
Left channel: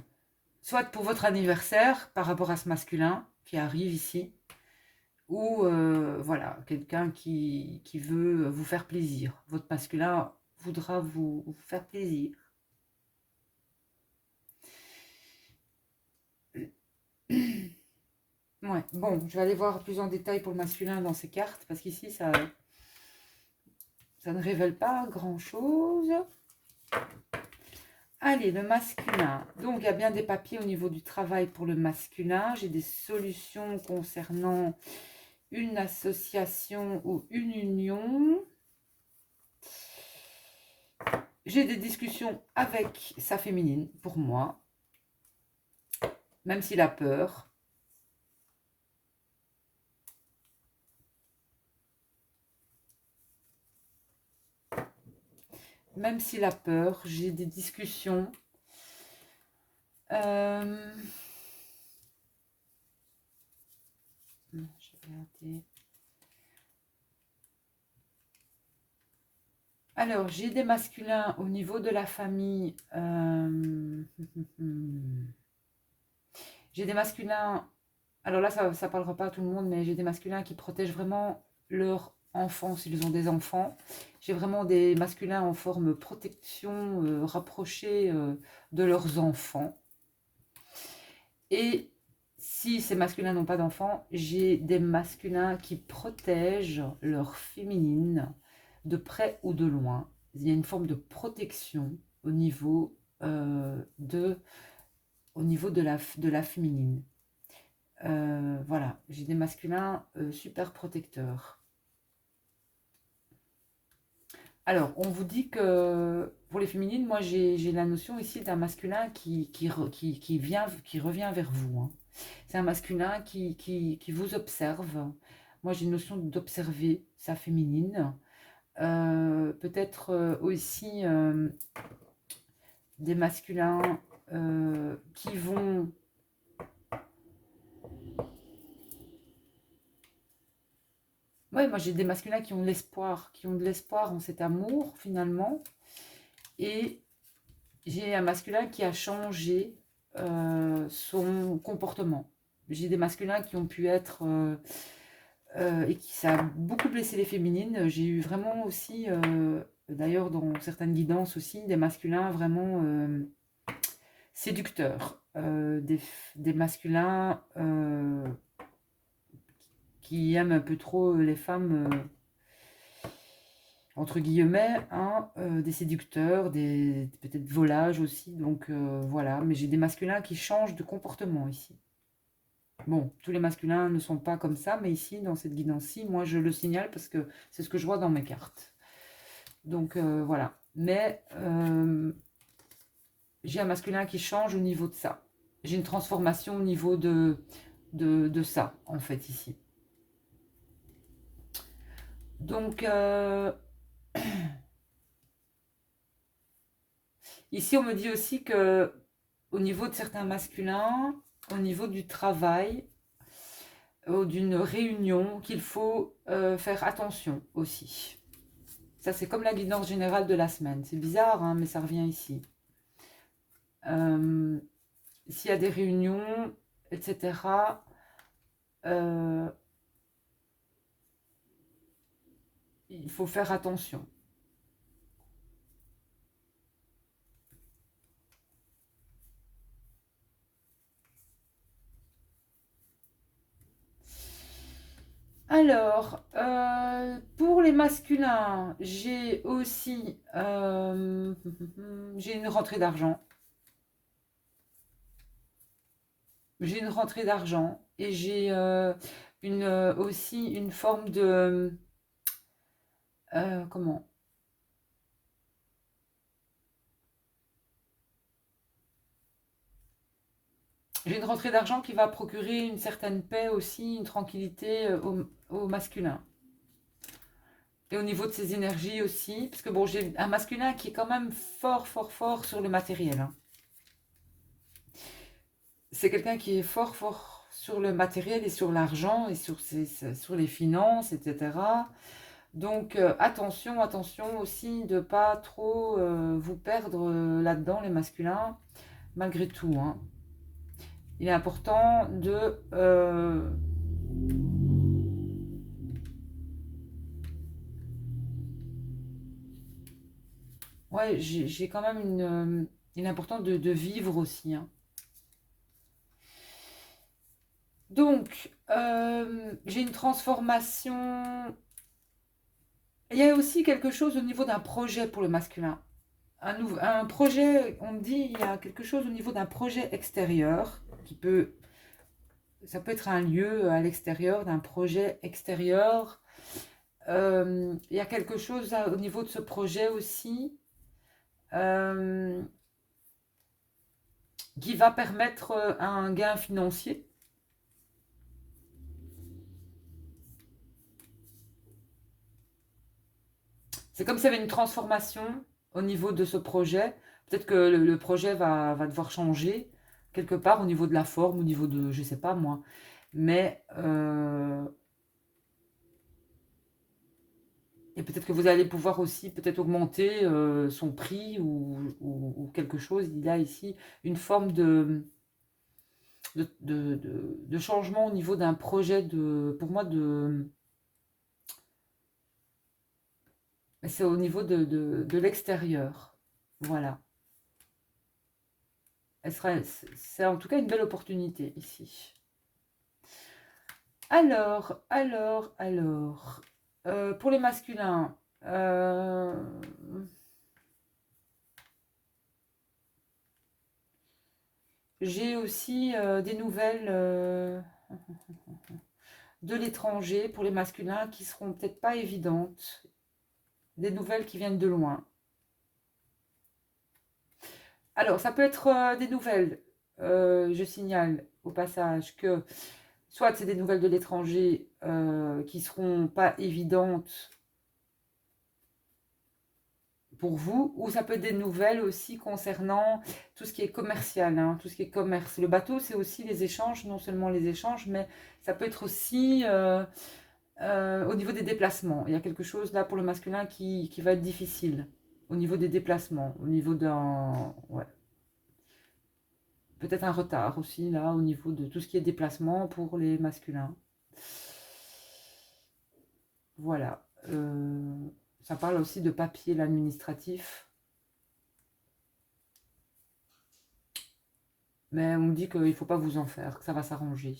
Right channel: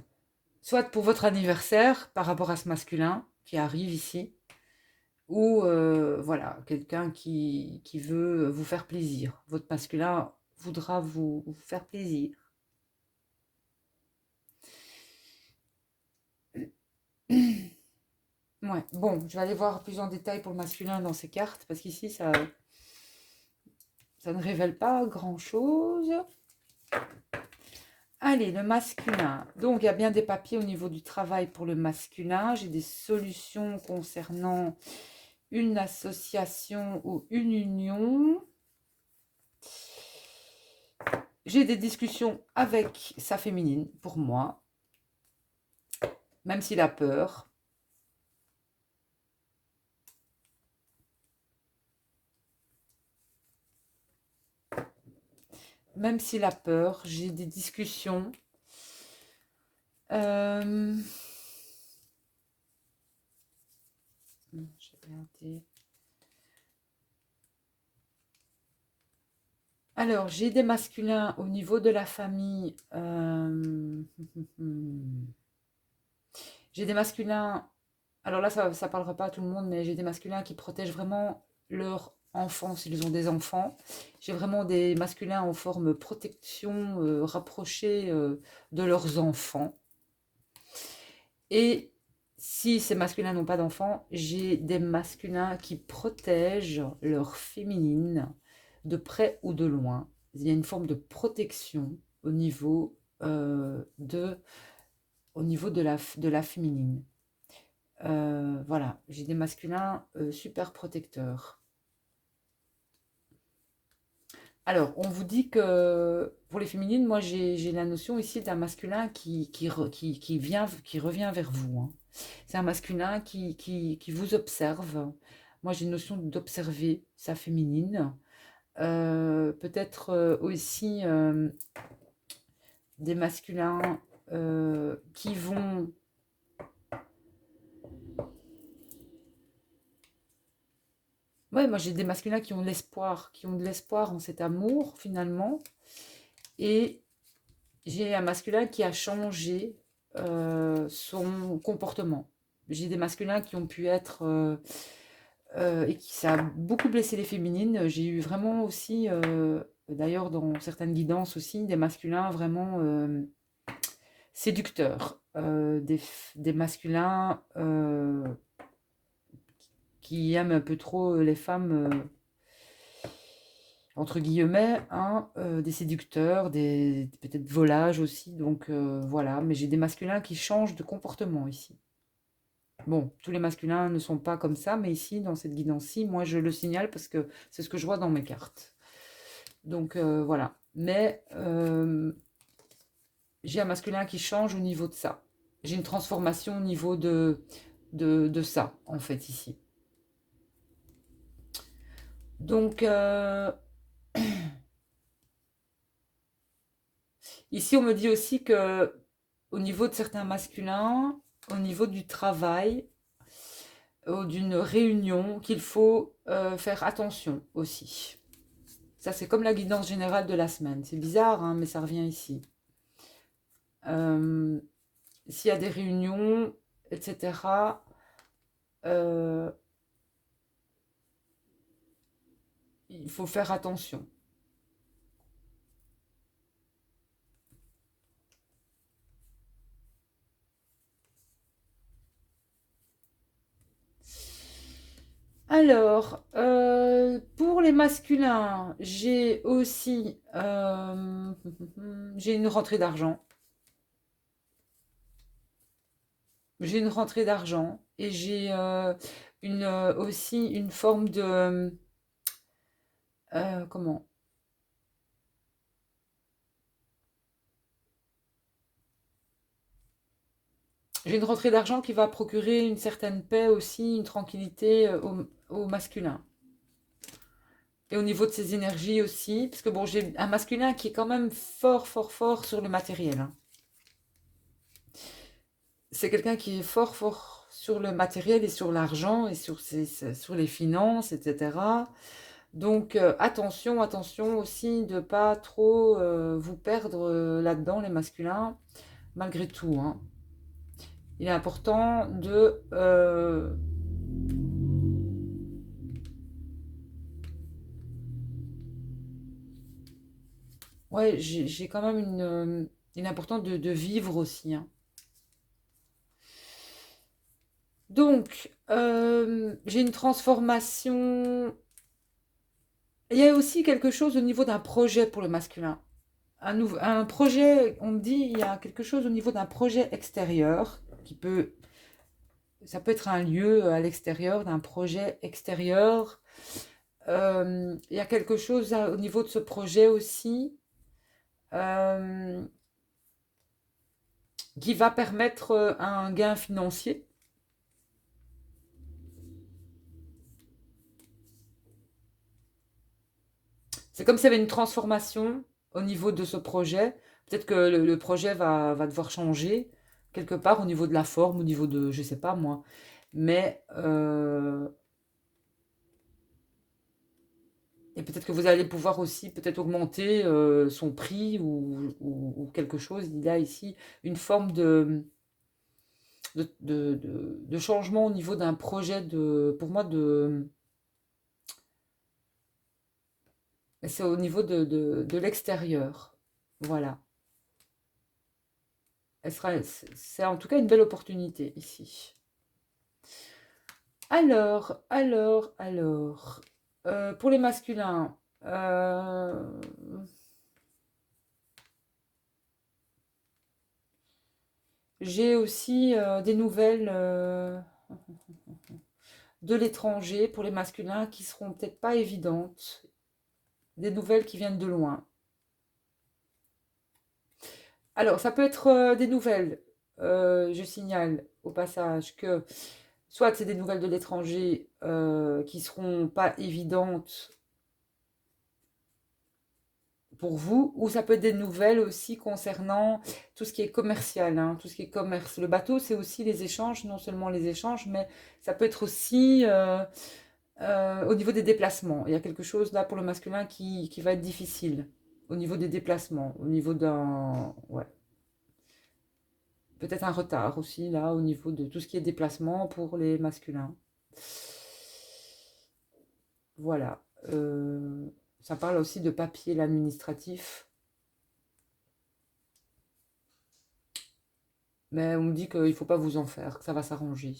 Soit pour votre anniversaire par rapport à ce masculin qui arrive ici, ou voilà, quelqu'un qui veut vous faire plaisir. Votre masculin voudra vous faire plaisir. Ouais, bon, je vais aller voir plus en détail pour le masculin dans ces cartes, parce qu'ici, ça ne révèle pas grand-chose. Allez, le masculin. Donc, il y a bien des papiers au niveau du travail pour le masculin. J'ai des solutions concernant une association ou une union. J'ai des discussions avec sa féminine, pour moi, même s'il a peur. Même s'il a peur, j'ai des discussions. Non, je vais regarder. Alors, j'ai des masculins au niveau de la famille. J'ai des masculins. Alors là, ça ne parlera pas à tout le monde, mais j'ai des masculins qui protègent vraiment leurs enfants s'ils ont des enfants. J'ai vraiment des masculins en forme protection rapprochée de leurs enfants. Et si ces masculins n'ont pas d'enfants, j'ai des masculins qui protègent leur féminine de près ou de loin. Il y a une forme de protection au niveau de la féminine. Voilà, j'ai des masculins super protecteurs. Alors, on vous dit que pour les féminines, moi j'ai la notion ici d'un masculin qui revient vers vous. Hein. C'est un masculin qui vous observe. Moi j'ai une notion d'observer sa féminine. Peut-être aussi des masculins qui vont... Ouais, moi j'ai des masculins qui ont de l'espoir en cet amour finalement. Et j'ai un masculin qui a changé son comportement. J'ai des masculins qui ont pu être et qui ça a beaucoup blessé les féminines. J'ai eu vraiment aussi, d'ailleurs dans certaines guidances aussi, des masculins vraiment séducteurs, des masculins qui aiment un peu trop les femmes, entre guillemets, hein, des séducteurs, des peut-être volages aussi. Donc voilà, mais j'ai des masculins qui changent de comportement ici. Bon, tous les masculins ne sont pas comme ça, mais ici, dans cette guidance-ci, moi je le signale parce que c'est ce que je vois dans mes cartes. Donc voilà. Mais j'ai un masculin qui change au niveau de ça. J'ai une transformation au niveau de ça, en fait, ici. Donc, ici, on me dit aussi que au niveau de certains masculins, au niveau du travail, ou d'une réunion, qu'il faut faire attention aussi. Ça, c'est comme la guidance générale de la semaine. C'est bizarre, hein, mais ça revient ici. S'il y a des réunions, etc., euh, il faut faire attention. Alors, pour les masculins, j'ai aussi j'ai une rentrée d'argent. J'ai une rentrée d'argent et j'ai aussi une forme de comment? J'ai une rentrée d'argent qui va procurer une certaine paix aussi, une tranquillité au masculin. Et au niveau de ses énergies aussi, parce que bon, j'ai un masculin qui est quand même fort, fort, fort sur le matériel, hein. C'est quelqu'un qui est fort, fort sur le matériel et sur l'argent et sur les finances, etc. Donc attention, attention aussi de pas trop vous perdre là-dedans, les masculins, malgré tout, hein. Il est important de ouais, j'ai quand même il est important de vivre aussi, hein. Donc, j'ai une transformation. Il y a aussi quelque chose au niveau d'un projet pour le masculin. Un projet, on me dit, il y a quelque chose au niveau d'un projet extérieur ça peut être un lieu à l'extérieur, d'un projet extérieur. Il y a quelque chose au niveau de ce projet aussi euh, qui va permettre un gain financier. C'est comme s'il y avait une transformation au niveau de ce projet. Peut-être que le projet va devoir changer quelque part au niveau de la forme, au niveau de, je sais pas moi. Mais, et peut-être que vous allez pouvoir aussi peut-être augmenter son prix ou quelque chose. Il y a ici une forme de changement au niveau d'un projet pour moi, c'est au niveau de l'extérieur. Voilà. C'est en tout cas une belle opportunité ici. Alors, pour les masculins, j'ai aussi des nouvelles de l'étranger pour les masculins qui seront peut-être pas évidentes, des nouvelles qui viennent de loin. Alors, ça peut être des nouvelles, je signale au passage que soit c'est des nouvelles de l'étranger qui seront pas évidentes pour vous, ou ça peut être des nouvelles aussi concernant tout ce qui est commercial, hein, tout ce qui est commerce. Le bateau, c'est aussi les échanges, non seulement les échanges, mais ça peut être aussi au niveau des déplacements. Il y a quelque chose là pour le masculin qui va être difficile. au niveau des déplacements, au niveau d'un... Ouais, peut-être un retard aussi, là, au niveau de tout ce qui est déplacement pour les masculins. Voilà. Ça parle aussi de papier, l'administratif. Mais on me dit qu'il ne faut pas vous en faire, que ça va s'arranger.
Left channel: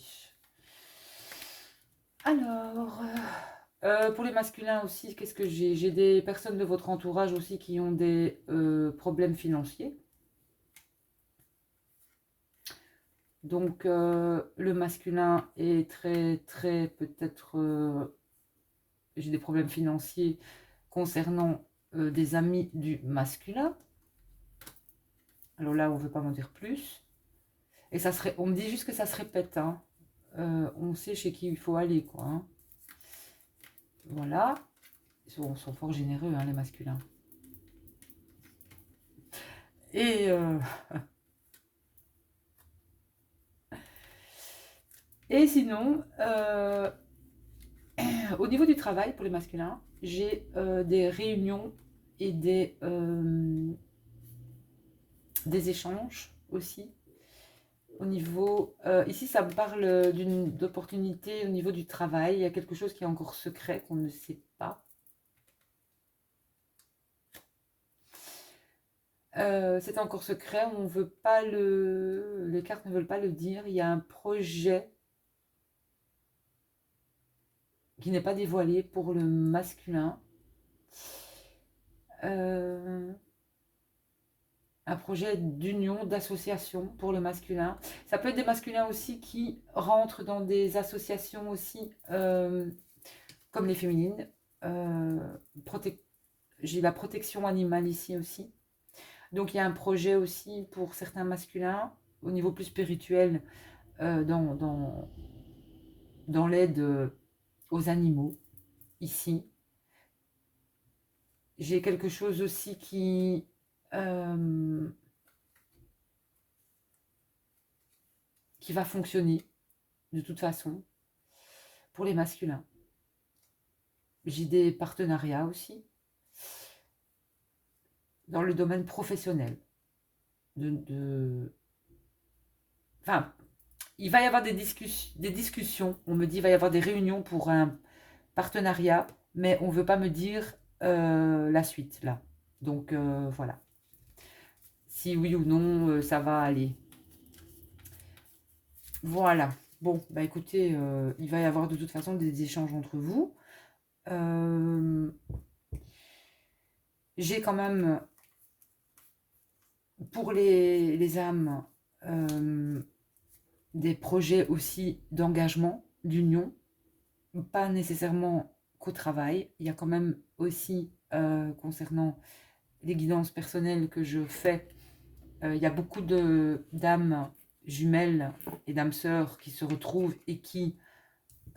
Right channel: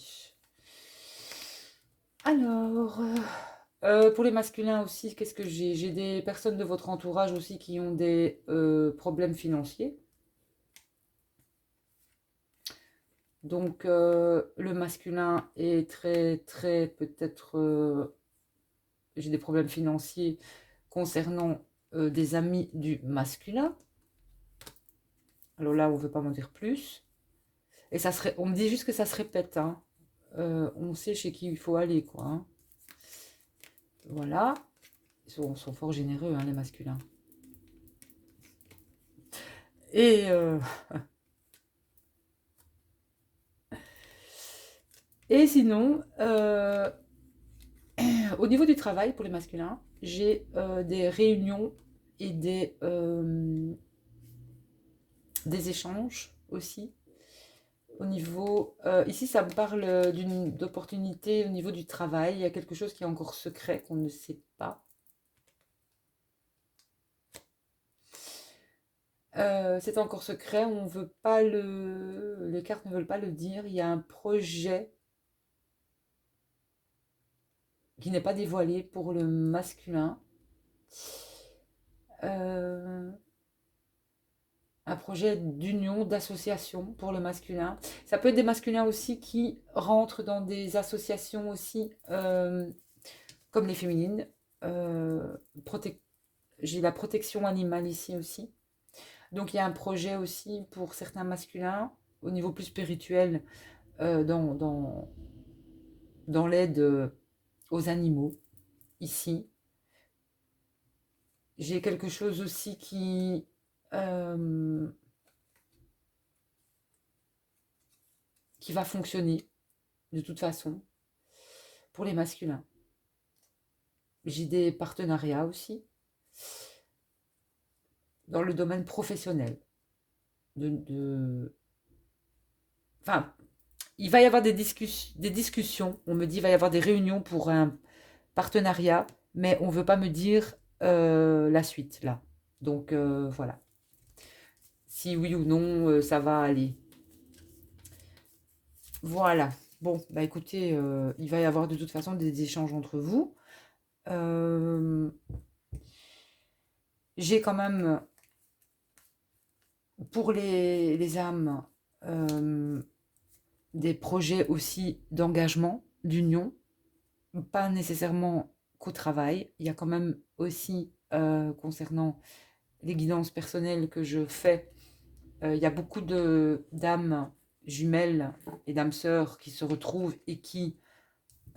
Alors, pour les masculins aussi, qu'est-ce que j'ai? J'ai des personnes de votre entourage aussi qui ont des problèmes financiers. Donc, le masculin est très, peut-être, j'ai des problèmes financiers concernant des amis du masculin. Alors là, on ne veut pas m'en dire plus. Et ça serait, on me dit juste que ça se répète, hein. On sait chez qui il faut aller, quoi, hein. Voilà. Ils sont fort généreux, hein, les masculins. Et, et sinon, au niveau du travail pour les masculins, j'ai des réunions et des échanges aussi. Au niveau, ici, ça me parle d'opportunité au niveau du travail. Il y a quelque chose qui est encore secret, qu'on ne sait pas. C'est encore secret, on veut pas les cartes ne veulent pas le dire. Il y a un projet qui n'est pas dévoilé pour le masculin. Euh, un projet d'union, d'association pour le masculin. Ça peut être des masculins aussi qui rentrent dans des associations aussi, comme les féminines. Euh, prote- j'ai la protection animale ici aussi. Donc il y a un projet aussi pour certains masculins au niveau plus spirituel, dans l'aide aux animaux ici. J'ai quelque chose aussi euh, qui va fonctionner de toute façon pour les masculins. J'ai des partenariats aussi dans le domaine professionnel. Enfin, il va y avoir des discussions. On me dit qu'il va y avoir des réunions pour un partenariat, mais on ne veut pas me dire la suite là. Donc voilà. Si oui ou non, ça va aller. Voilà. Bon, bah écoutez, il va y avoir de toute façon des échanges entre vous. Euh, j'ai quand même, pour les âmes, euh, des projets aussi d'engagement, d'union, pas nécessairement qu'au travail. Il y a quand même aussi, concernant les guidances personnelles que je fais, il y a beaucoup d'âmes jumelles et d'âmes sœurs qui se retrouvent et qui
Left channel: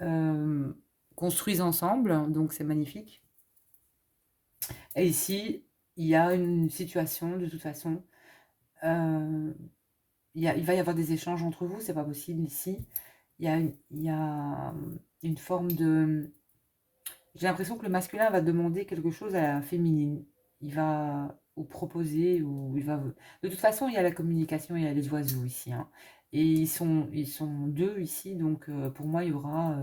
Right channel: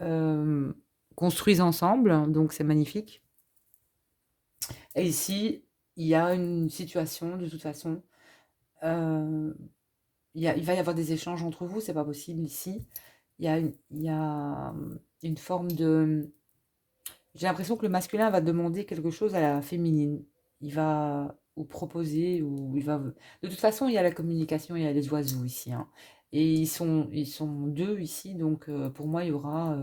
euh, construisent ensemble, donc c'est magnifique. Et ici, il y a une situation, de toute façon, euh, il va y avoir des échanges entre vous, c'est pas possible ici. Il y a une forme de... J'ai l'impression que le masculin va demander quelque chose à la féminine. Il va ou proposer, ou il va... De toute façon, il y a la communication, il y a les oiseaux ici, hein. Et ils sont deux ici, donc pour moi, il y aura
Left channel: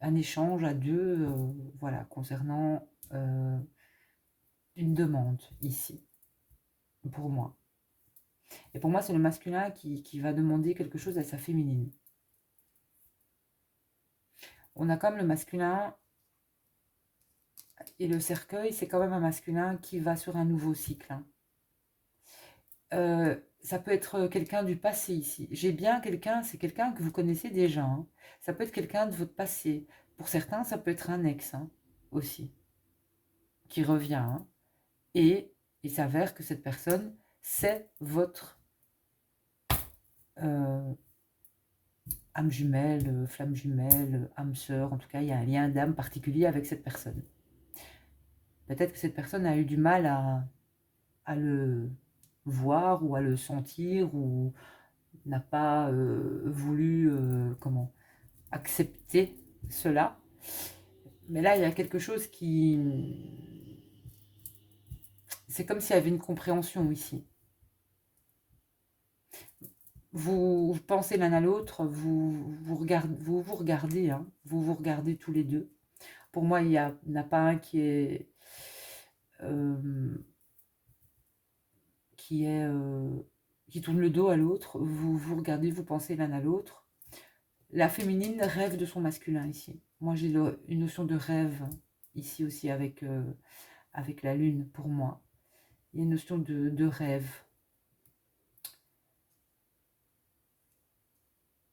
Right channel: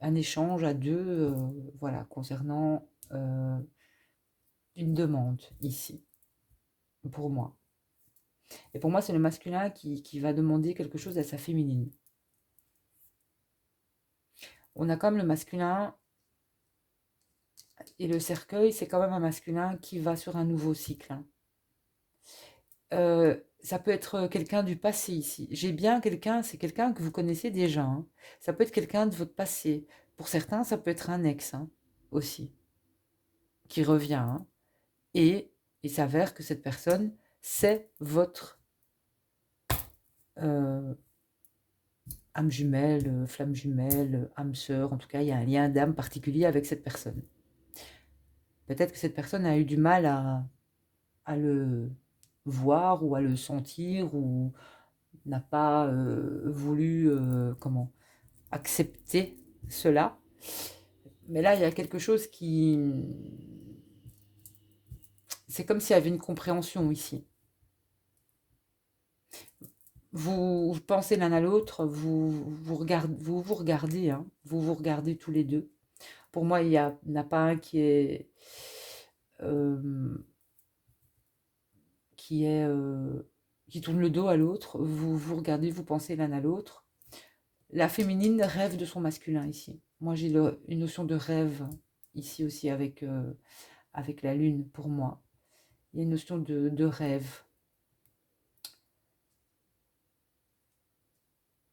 un échange à deux, voilà, concernant une demande ici, pour moi. Et pour moi, c'est le masculin qui va demander quelque chose à sa féminine. On a comme le masculin et le cercueil, c'est quand même un masculin qui va sur un nouveau cycle, hein. Ça peut être quelqu'un du passé ici. J'ai bien quelqu'un, c'est quelqu'un que vous connaissez déjà, hein. Ça peut être quelqu'un de votre passé. Pour certains, ça peut être un ex, hein, aussi, qui revient, hein. Et il s'avère que cette personne, c'est votre euh, âme jumelle, flamme jumelle, âme sœur. En tout cas, il y a un lien d'âme particulier avec cette personne. Peut-être que cette personne a eu du mal à le voir ou à le sentir ou n'a pas voulu accepter cela. Mais là, il y a quelque chose qui... c'est comme s'il y avait une compréhension ici. Vous pensez l'un à l'autre, vous regardez, hein, vous vous regardez tous les deux. Pour moi, il n'y en a pas un euh, qui est, qui tourne le dos à l'autre. Vous vous regardez, vous pensez l'un à l'autre. La féminine rêve de son masculin ici. Moi, j'ai une notion de rêve ici aussi avec la lune pour moi. Il y a une notion de rêve.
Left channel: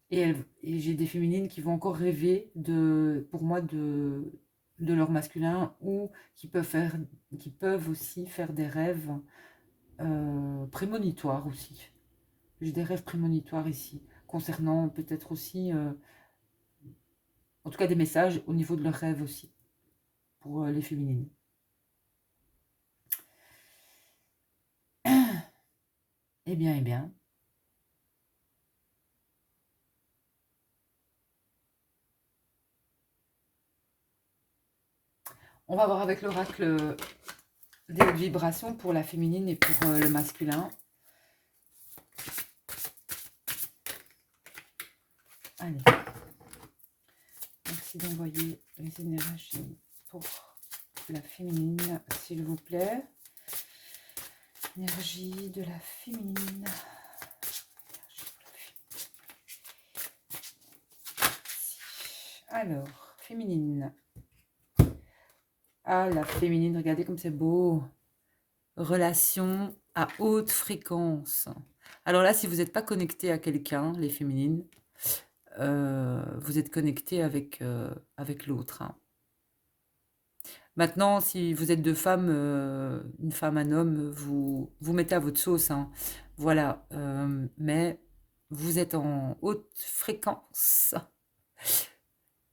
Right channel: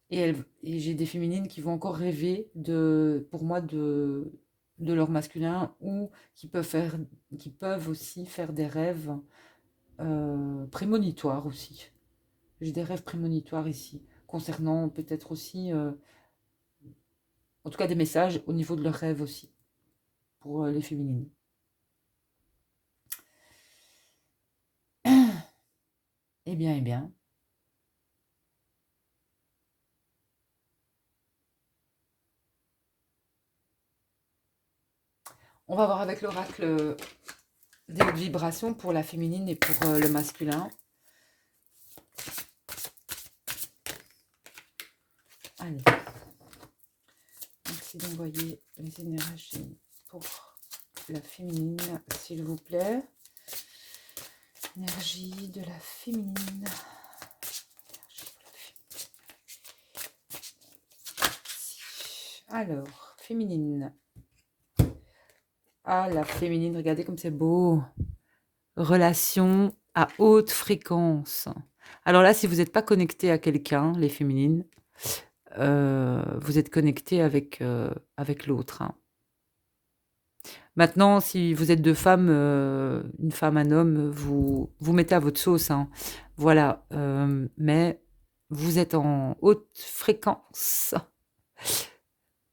Et j'ai des féminines qui vont encore rêver pour moi, de leur masculin ou qui peuvent aussi faire des rêves prémonitoires aussi. J'ai des rêves prémonitoires ici, concernant peut-être aussi, en tout cas des messages au niveau de leurs rêves aussi, pour les féminines. Eh bien, eh bien. On va voir avec l'oracle des hautes vibrations pour la féminine et pour le masculin. Allez. Merci d'envoyer les énergies pour la féminine, s'il vous plaît. Énergie de la féminine. Alors, féminine. Ah, la féminine, regardez comme c'est beau. Relation à haute fréquence. Alors là, si vous n'êtes pas connecté à quelqu'un, les féminines, vous êtes connecté avec l'autre. Hein. Maintenant, si vous êtes deux femmes, une femme, un homme, vous mettez à votre sauce. Hein. Voilà. Mais vous êtes en haute fréquence.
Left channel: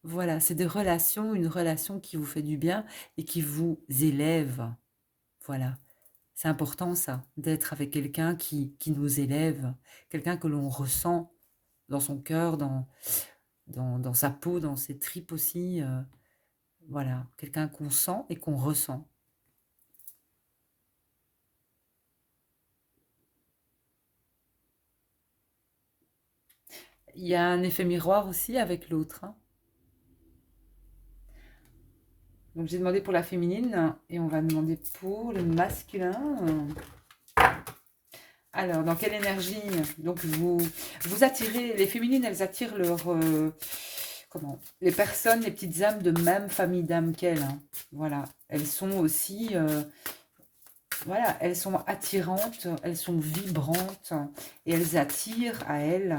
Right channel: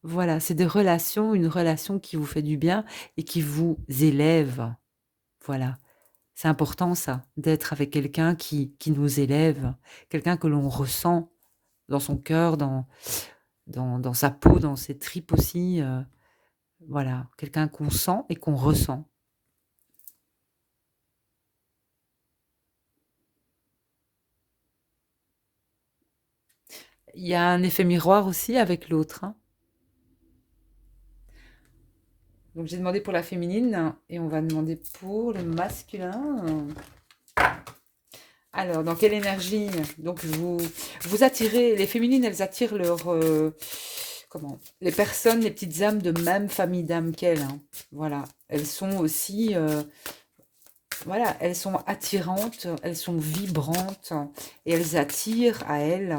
Voilà, c'est des relations, une relation qui vous fait du bien et qui vous élève. Voilà. C'est important ça, d'être avec quelqu'un qui nous élève, quelqu'un que l'on ressent dans son cœur, dans sa peau, dans ses tripes aussi. Voilà, quelqu'un qu'on sent et qu'on ressent. Il y a un effet miroir aussi avec l'autre. Hein. Donc j'ai demandé pour la féminine et on va demander pour le masculin. Alors, dans quelle énergie? Donc vous attirez, les féminines, elles attirent les personnes, les petites âmes de même famille d'âmes qu'elles. Hein. Voilà, elles sont aussi, voilà, elles sont attirantes, elles sont vibrantes et elles attirent à elles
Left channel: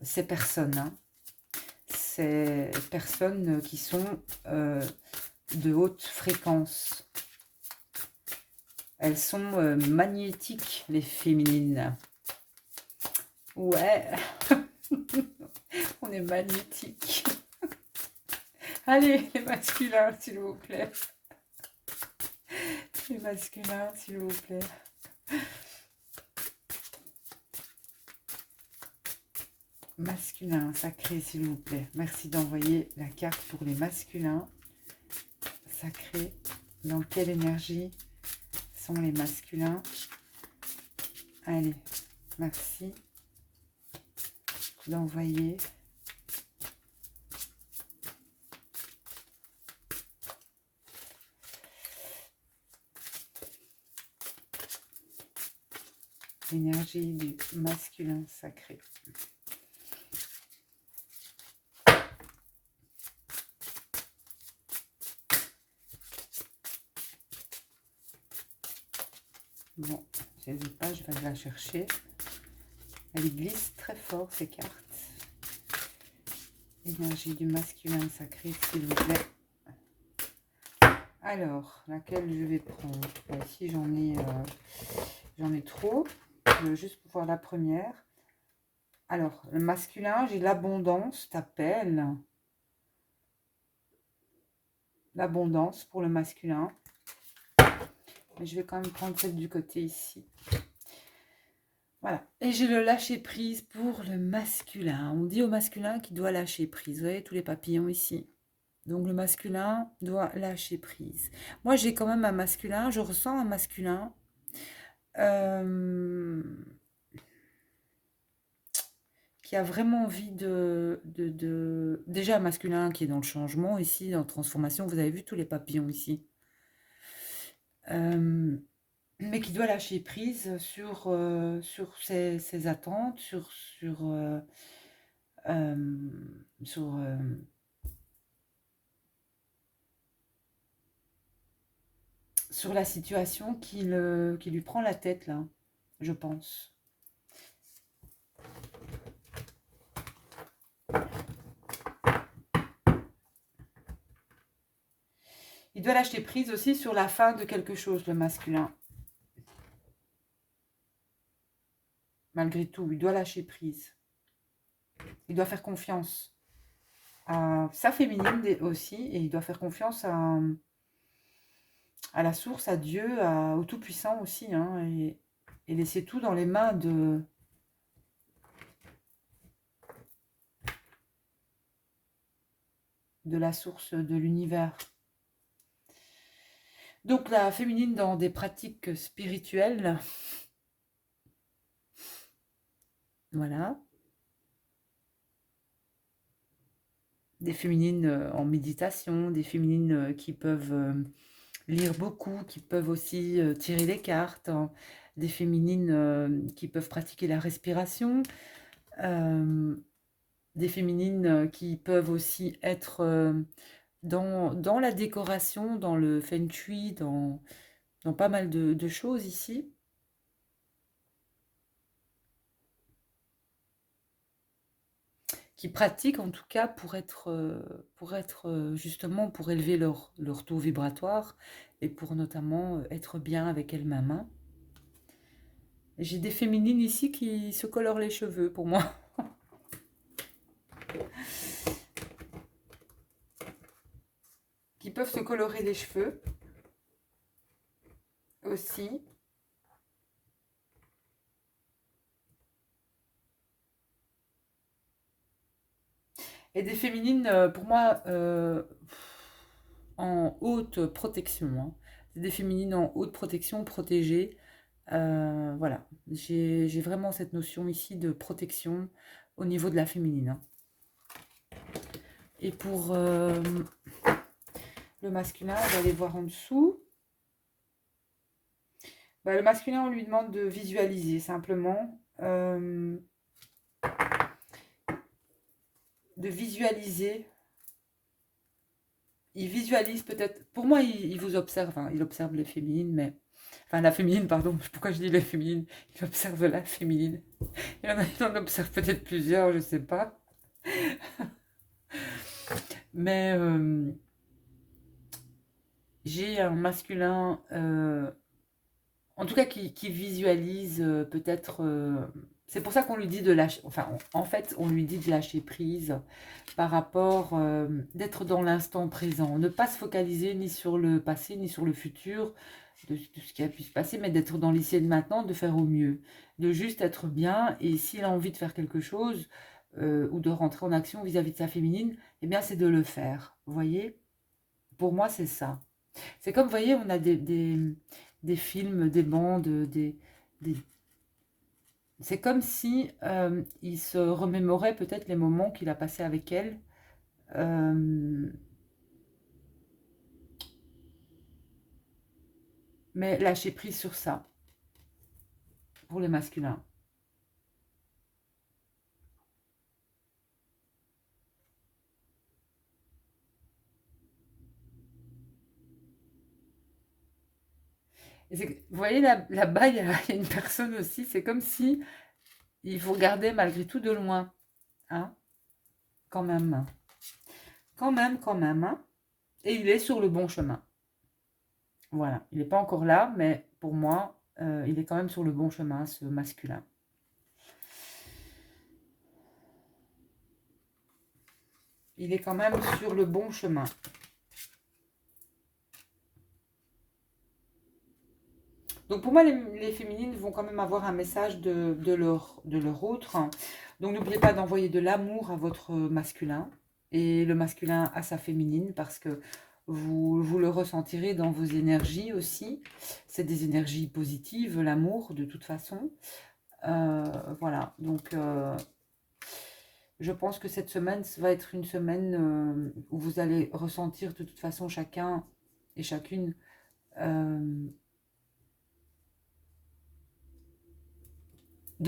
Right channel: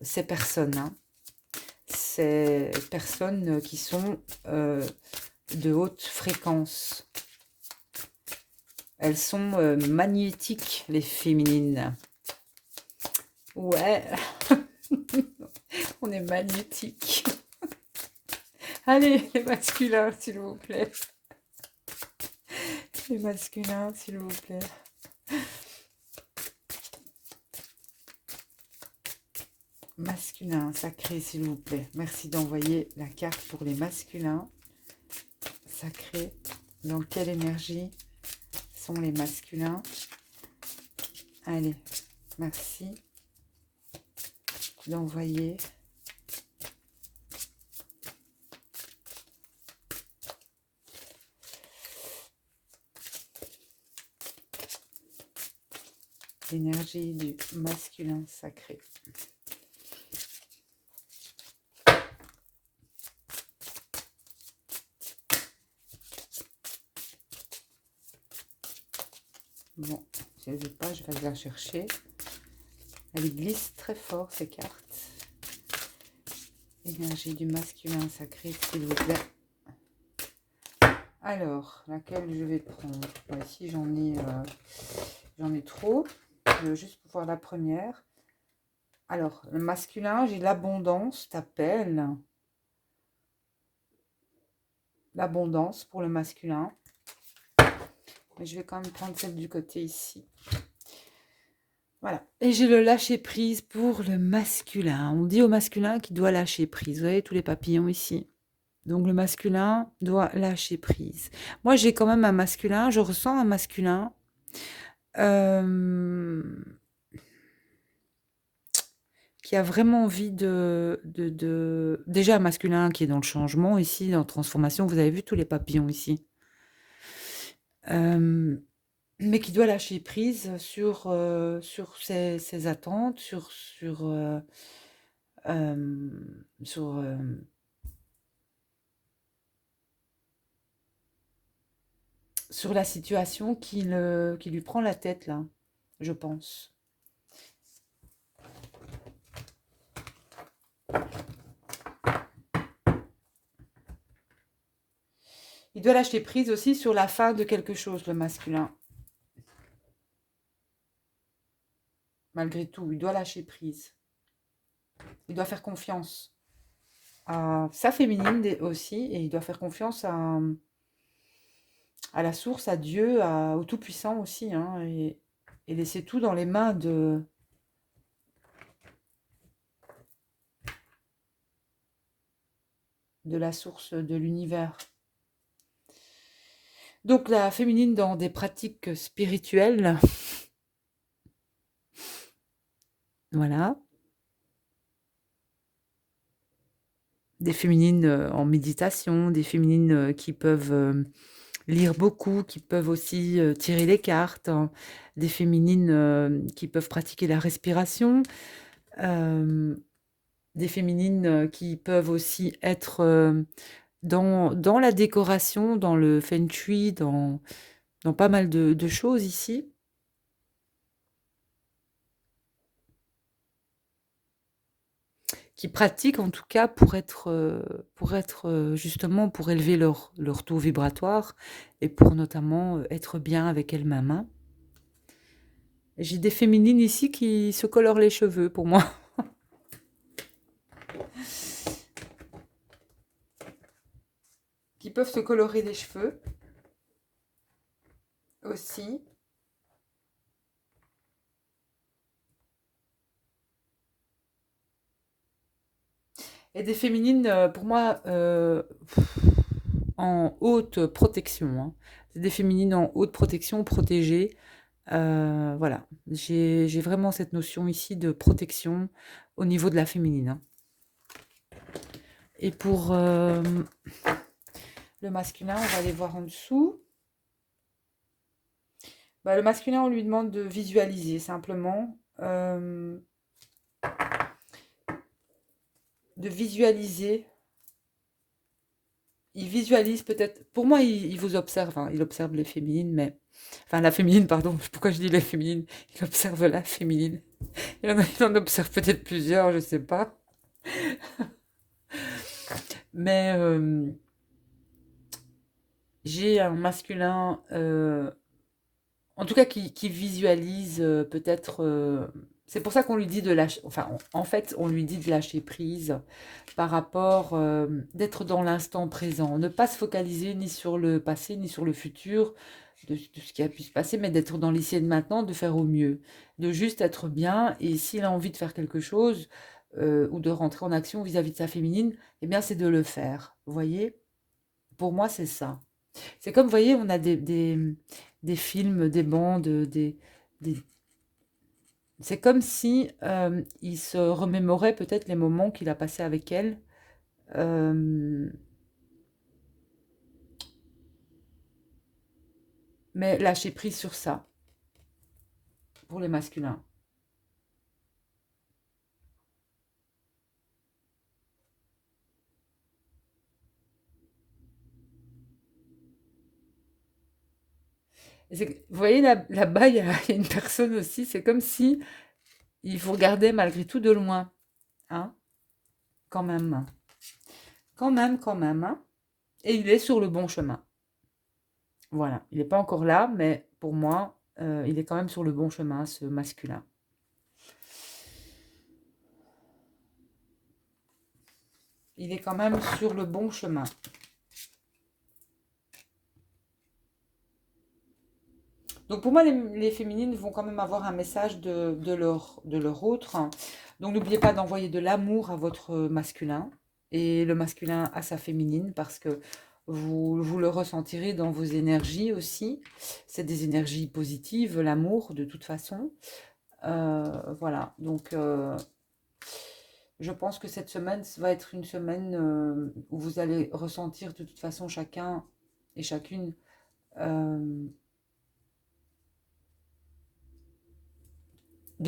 ces personnes. Hein. Ces personnes qui sont de haute fréquence. Elles sont magnétiques, les féminines. Ouais, on est magnétiques. Allez, les masculins, s'il vous plaît. Les masculins, s'il vous plaît. Masculin, sacré, s'il vous plaît. Merci d'envoyer la carte pour les masculins. Sacré, dans quelle énergie sont les masculins? Allez, merci d'envoyer l'énergie du masculin sacré. Bon, si elle ne veut pas, je vais aller la chercher. Elle glisse très fort, ces cartes. Énergie du masculin sacré, s'il vous plaît. Alors, laquelle je vais prendre? Ici, j'en ai trop. Je veux juste voir la première. Alors, le masculin, j'ai l'abondance, t'appelle. L'abondance pour le masculin. Mais je vais quand même prendre celle du côté ici. Voilà. Et j'ai le lâcher prise pour le masculin. On dit au masculin qu'il doit lâcher prise. Vous voyez tous les papillons ici. Donc le masculin doit lâcher prise. Moi, j'ai quand même un masculin, je ressens un masculin euh, qui a vraiment envie Déjà un masculin qui est dans le changement ici, dans la transformation. Vous avez vu tous les papillons ici. Euh, mais qui doit lâcher prise sur ses attentes, euh, sur, euh, sur la situation qui lui prend la tête, là, je pense. Il doit lâcher prise aussi sur la fin de quelque chose, le masculin. Malgré tout, il doit lâcher prise. Il doit faire confiance à sa féminine aussi, et il doit faire confiance à la source, à Dieu, au Tout-Puissant aussi, hein, et laisser tout dans les mains de la source de l'univers. Donc la féminine dans des pratiques spirituelles, voilà. Des féminines en méditation, des féminines qui peuvent lire beaucoup, qui peuvent aussi tirer les cartes, hein, des féminines qui peuvent pratiquer la respiration, euh, des féminines qui peuvent aussi être dans la décoration, dans le feng shui, dans pas mal de choses ici. Qui pratiquent en tout cas pour être justement pour élever leur taux vibratoire et pour notamment être bien avec elles-mêmes, hein. J'ai des féminines ici qui se colorent les cheveux pour moi, qui peuvent se colorer les cheveux aussi. Et des féminines, pour moi, en haute protection, hein. C'est des féminines en haute protection, protégées. Voilà, j'ai vraiment cette notion ici de protection au niveau de la féminine, hein. Et pour le masculin, on va aller voir en dessous. Bah, le masculin, on lui demande de visualiser simplement. De visualiser. Il visualise peut-être. Pour moi, il vous observe, hein. Il observe les féminines, mais. Enfin, la féminine, pardon. Pourquoi je dis les féminines? Il observe la féminine. Il en observe peut-être plusieurs, je ne sais pas. Mais j'ai un masculin, en tout cas qui visualise peut-être. C'est pour ça qu'on lui dit de lâcher. Enfin, en fait, on lui dit de lâcher prise par rapport d'être dans l'instant présent. Ne pas se focaliser ni sur le passé ni sur le futur de ce qui a pu se passer, mais d'être dans l'ici et de maintenant, de faire au mieux. De juste être bien. Et s'il a envie de faire quelque chose ou de rentrer en action vis-à-vis de sa féminine, eh bien, c'est de le faire. Vous voyez? Pour moi, c'est ça. C'est comme, vous voyez, on a des films, des bandes, des- c'est comme si il se remémorait peut-être les moments qu'il a passés avec elle. euh, mais lâcher prise sur ça, pour les masculins. Vous voyez, là-bas, il y a, il y a une personne aussi, c'est comme si il vous regardait malgré tout de loin. Hein, quand même. Quand même, hein. Et il est sur le bon chemin. Voilà, il n'est pas encore là, mais pour moi, il est quand même sur le bon chemin, ce masculin. Il est quand même sur le bon chemin. Donc pour moi, les féminines vont quand même avoir un message de leur autre. Donc n'oubliez pas d'envoyer de l'amour à votre masculin. et le masculin à sa féminine, parce que vous le ressentirez dans vos énergies aussi. C'est des énergies positives, l'amour, de toute façon. Voilà, donc je pense que cette semaine va être une semaine où vous allez ressentir de toute façon chacun et chacune de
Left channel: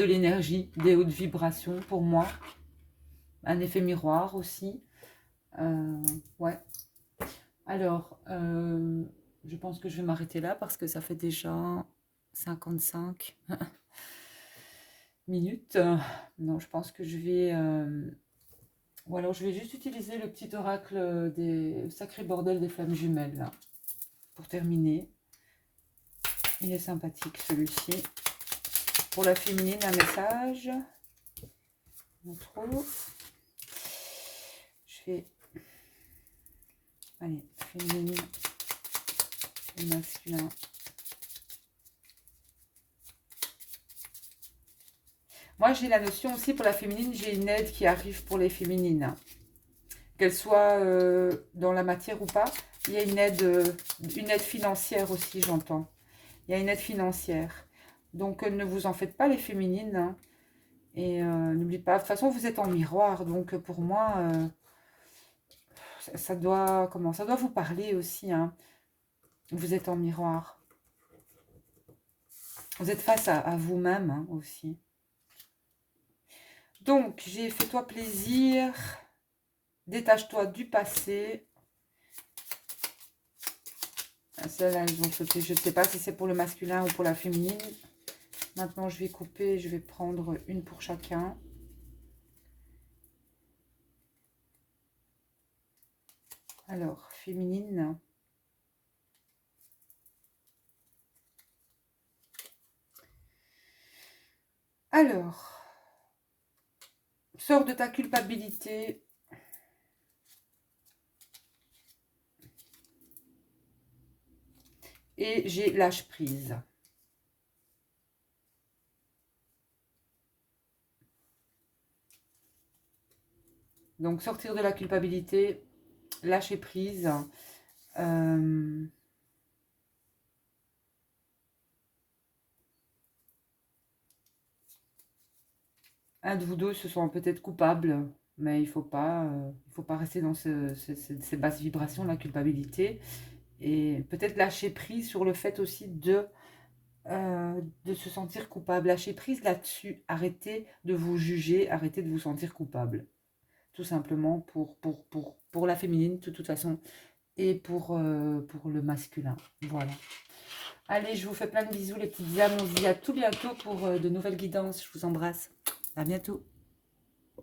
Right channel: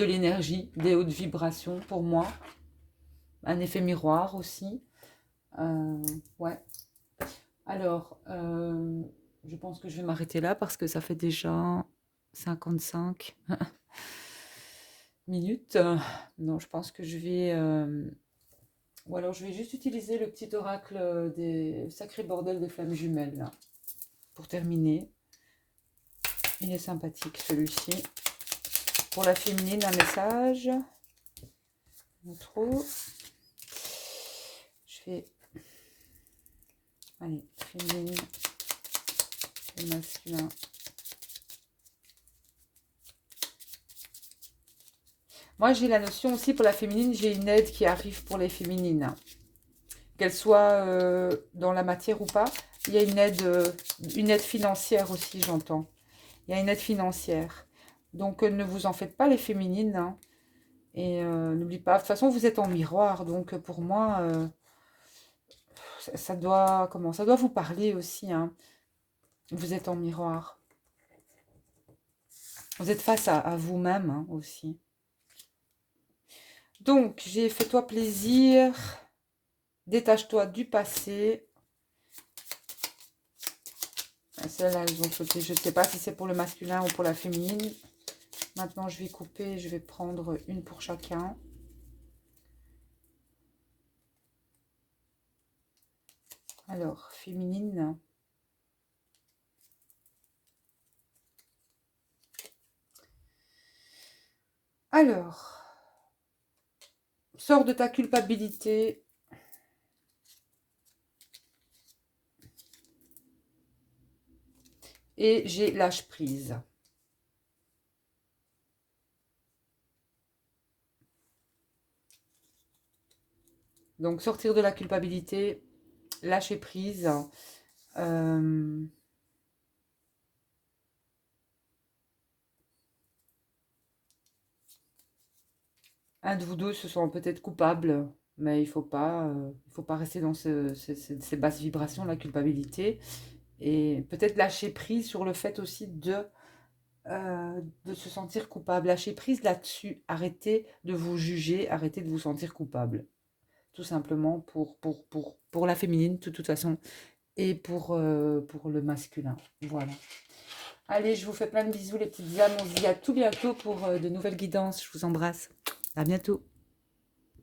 l'énergie, des hautes vibrations pour moi. Un effet miroir aussi. Ouais. Alors, je pense que je vais m'arrêter là parce que ça fait déjà 55 minutes. Non, je pense que je vais... ou alors je vais juste utiliser le petit oracle des sacrés bordels des flammes jumelles, là, pour terminer. Il est sympathique, celui-ci. Pour la féminine, un message. Non trop. Je fais... Allez, féminine et masculin. Moi, j'ai la notion aussi pour la féminine, j'ai une aide qui arrive pour les féminines. Qu'elle soit dans la matière ou pas, il y a une aide financière aussi, j'entends. Il y a une aide financière. Donc, ne vous en faites pas, les féminines, hein. Et n'oubliez pas, de toute façon, vous êtes en miroir. Donc, pour moi, ça doit, comment, ça doit vous parler aussi, hein. Vous êtes en miroir. Vous êtes face à vous-même, hein, aussi. Donc, j'ai fait-toi plaisir. Détache-toi du passé. Celles-là, elles ont sauté. Je ne sais pas si c'est pour le masculin ou pour la féminine. Maintenant, je vais couper. Je vais prendre une pour chacun. Alors, féminine. Alors, sors de ta culpabilité. Et j'ai lâche prise. Donc, sortir de la culpabilité, lâcher prise. Un de vous deux se sent peut-être coupable, mais il faut pas rester dans ces basses vibrations, la culpabilité. Et peut-être lâcher prise sur le fait aussi de se sentir coupable. Lâcher prise là-dessus. Arrêtez de vous juger, arrêtez de vous sentir coupable. Tout simplement pour la féminine, de toute façon, et pour le masculin. Voilà. Allez, je vous fais plein de bisous, les petites âmes. On se dit à tout bientôt pour de nouvelles guidances. Je vous embrasse. À bientôt.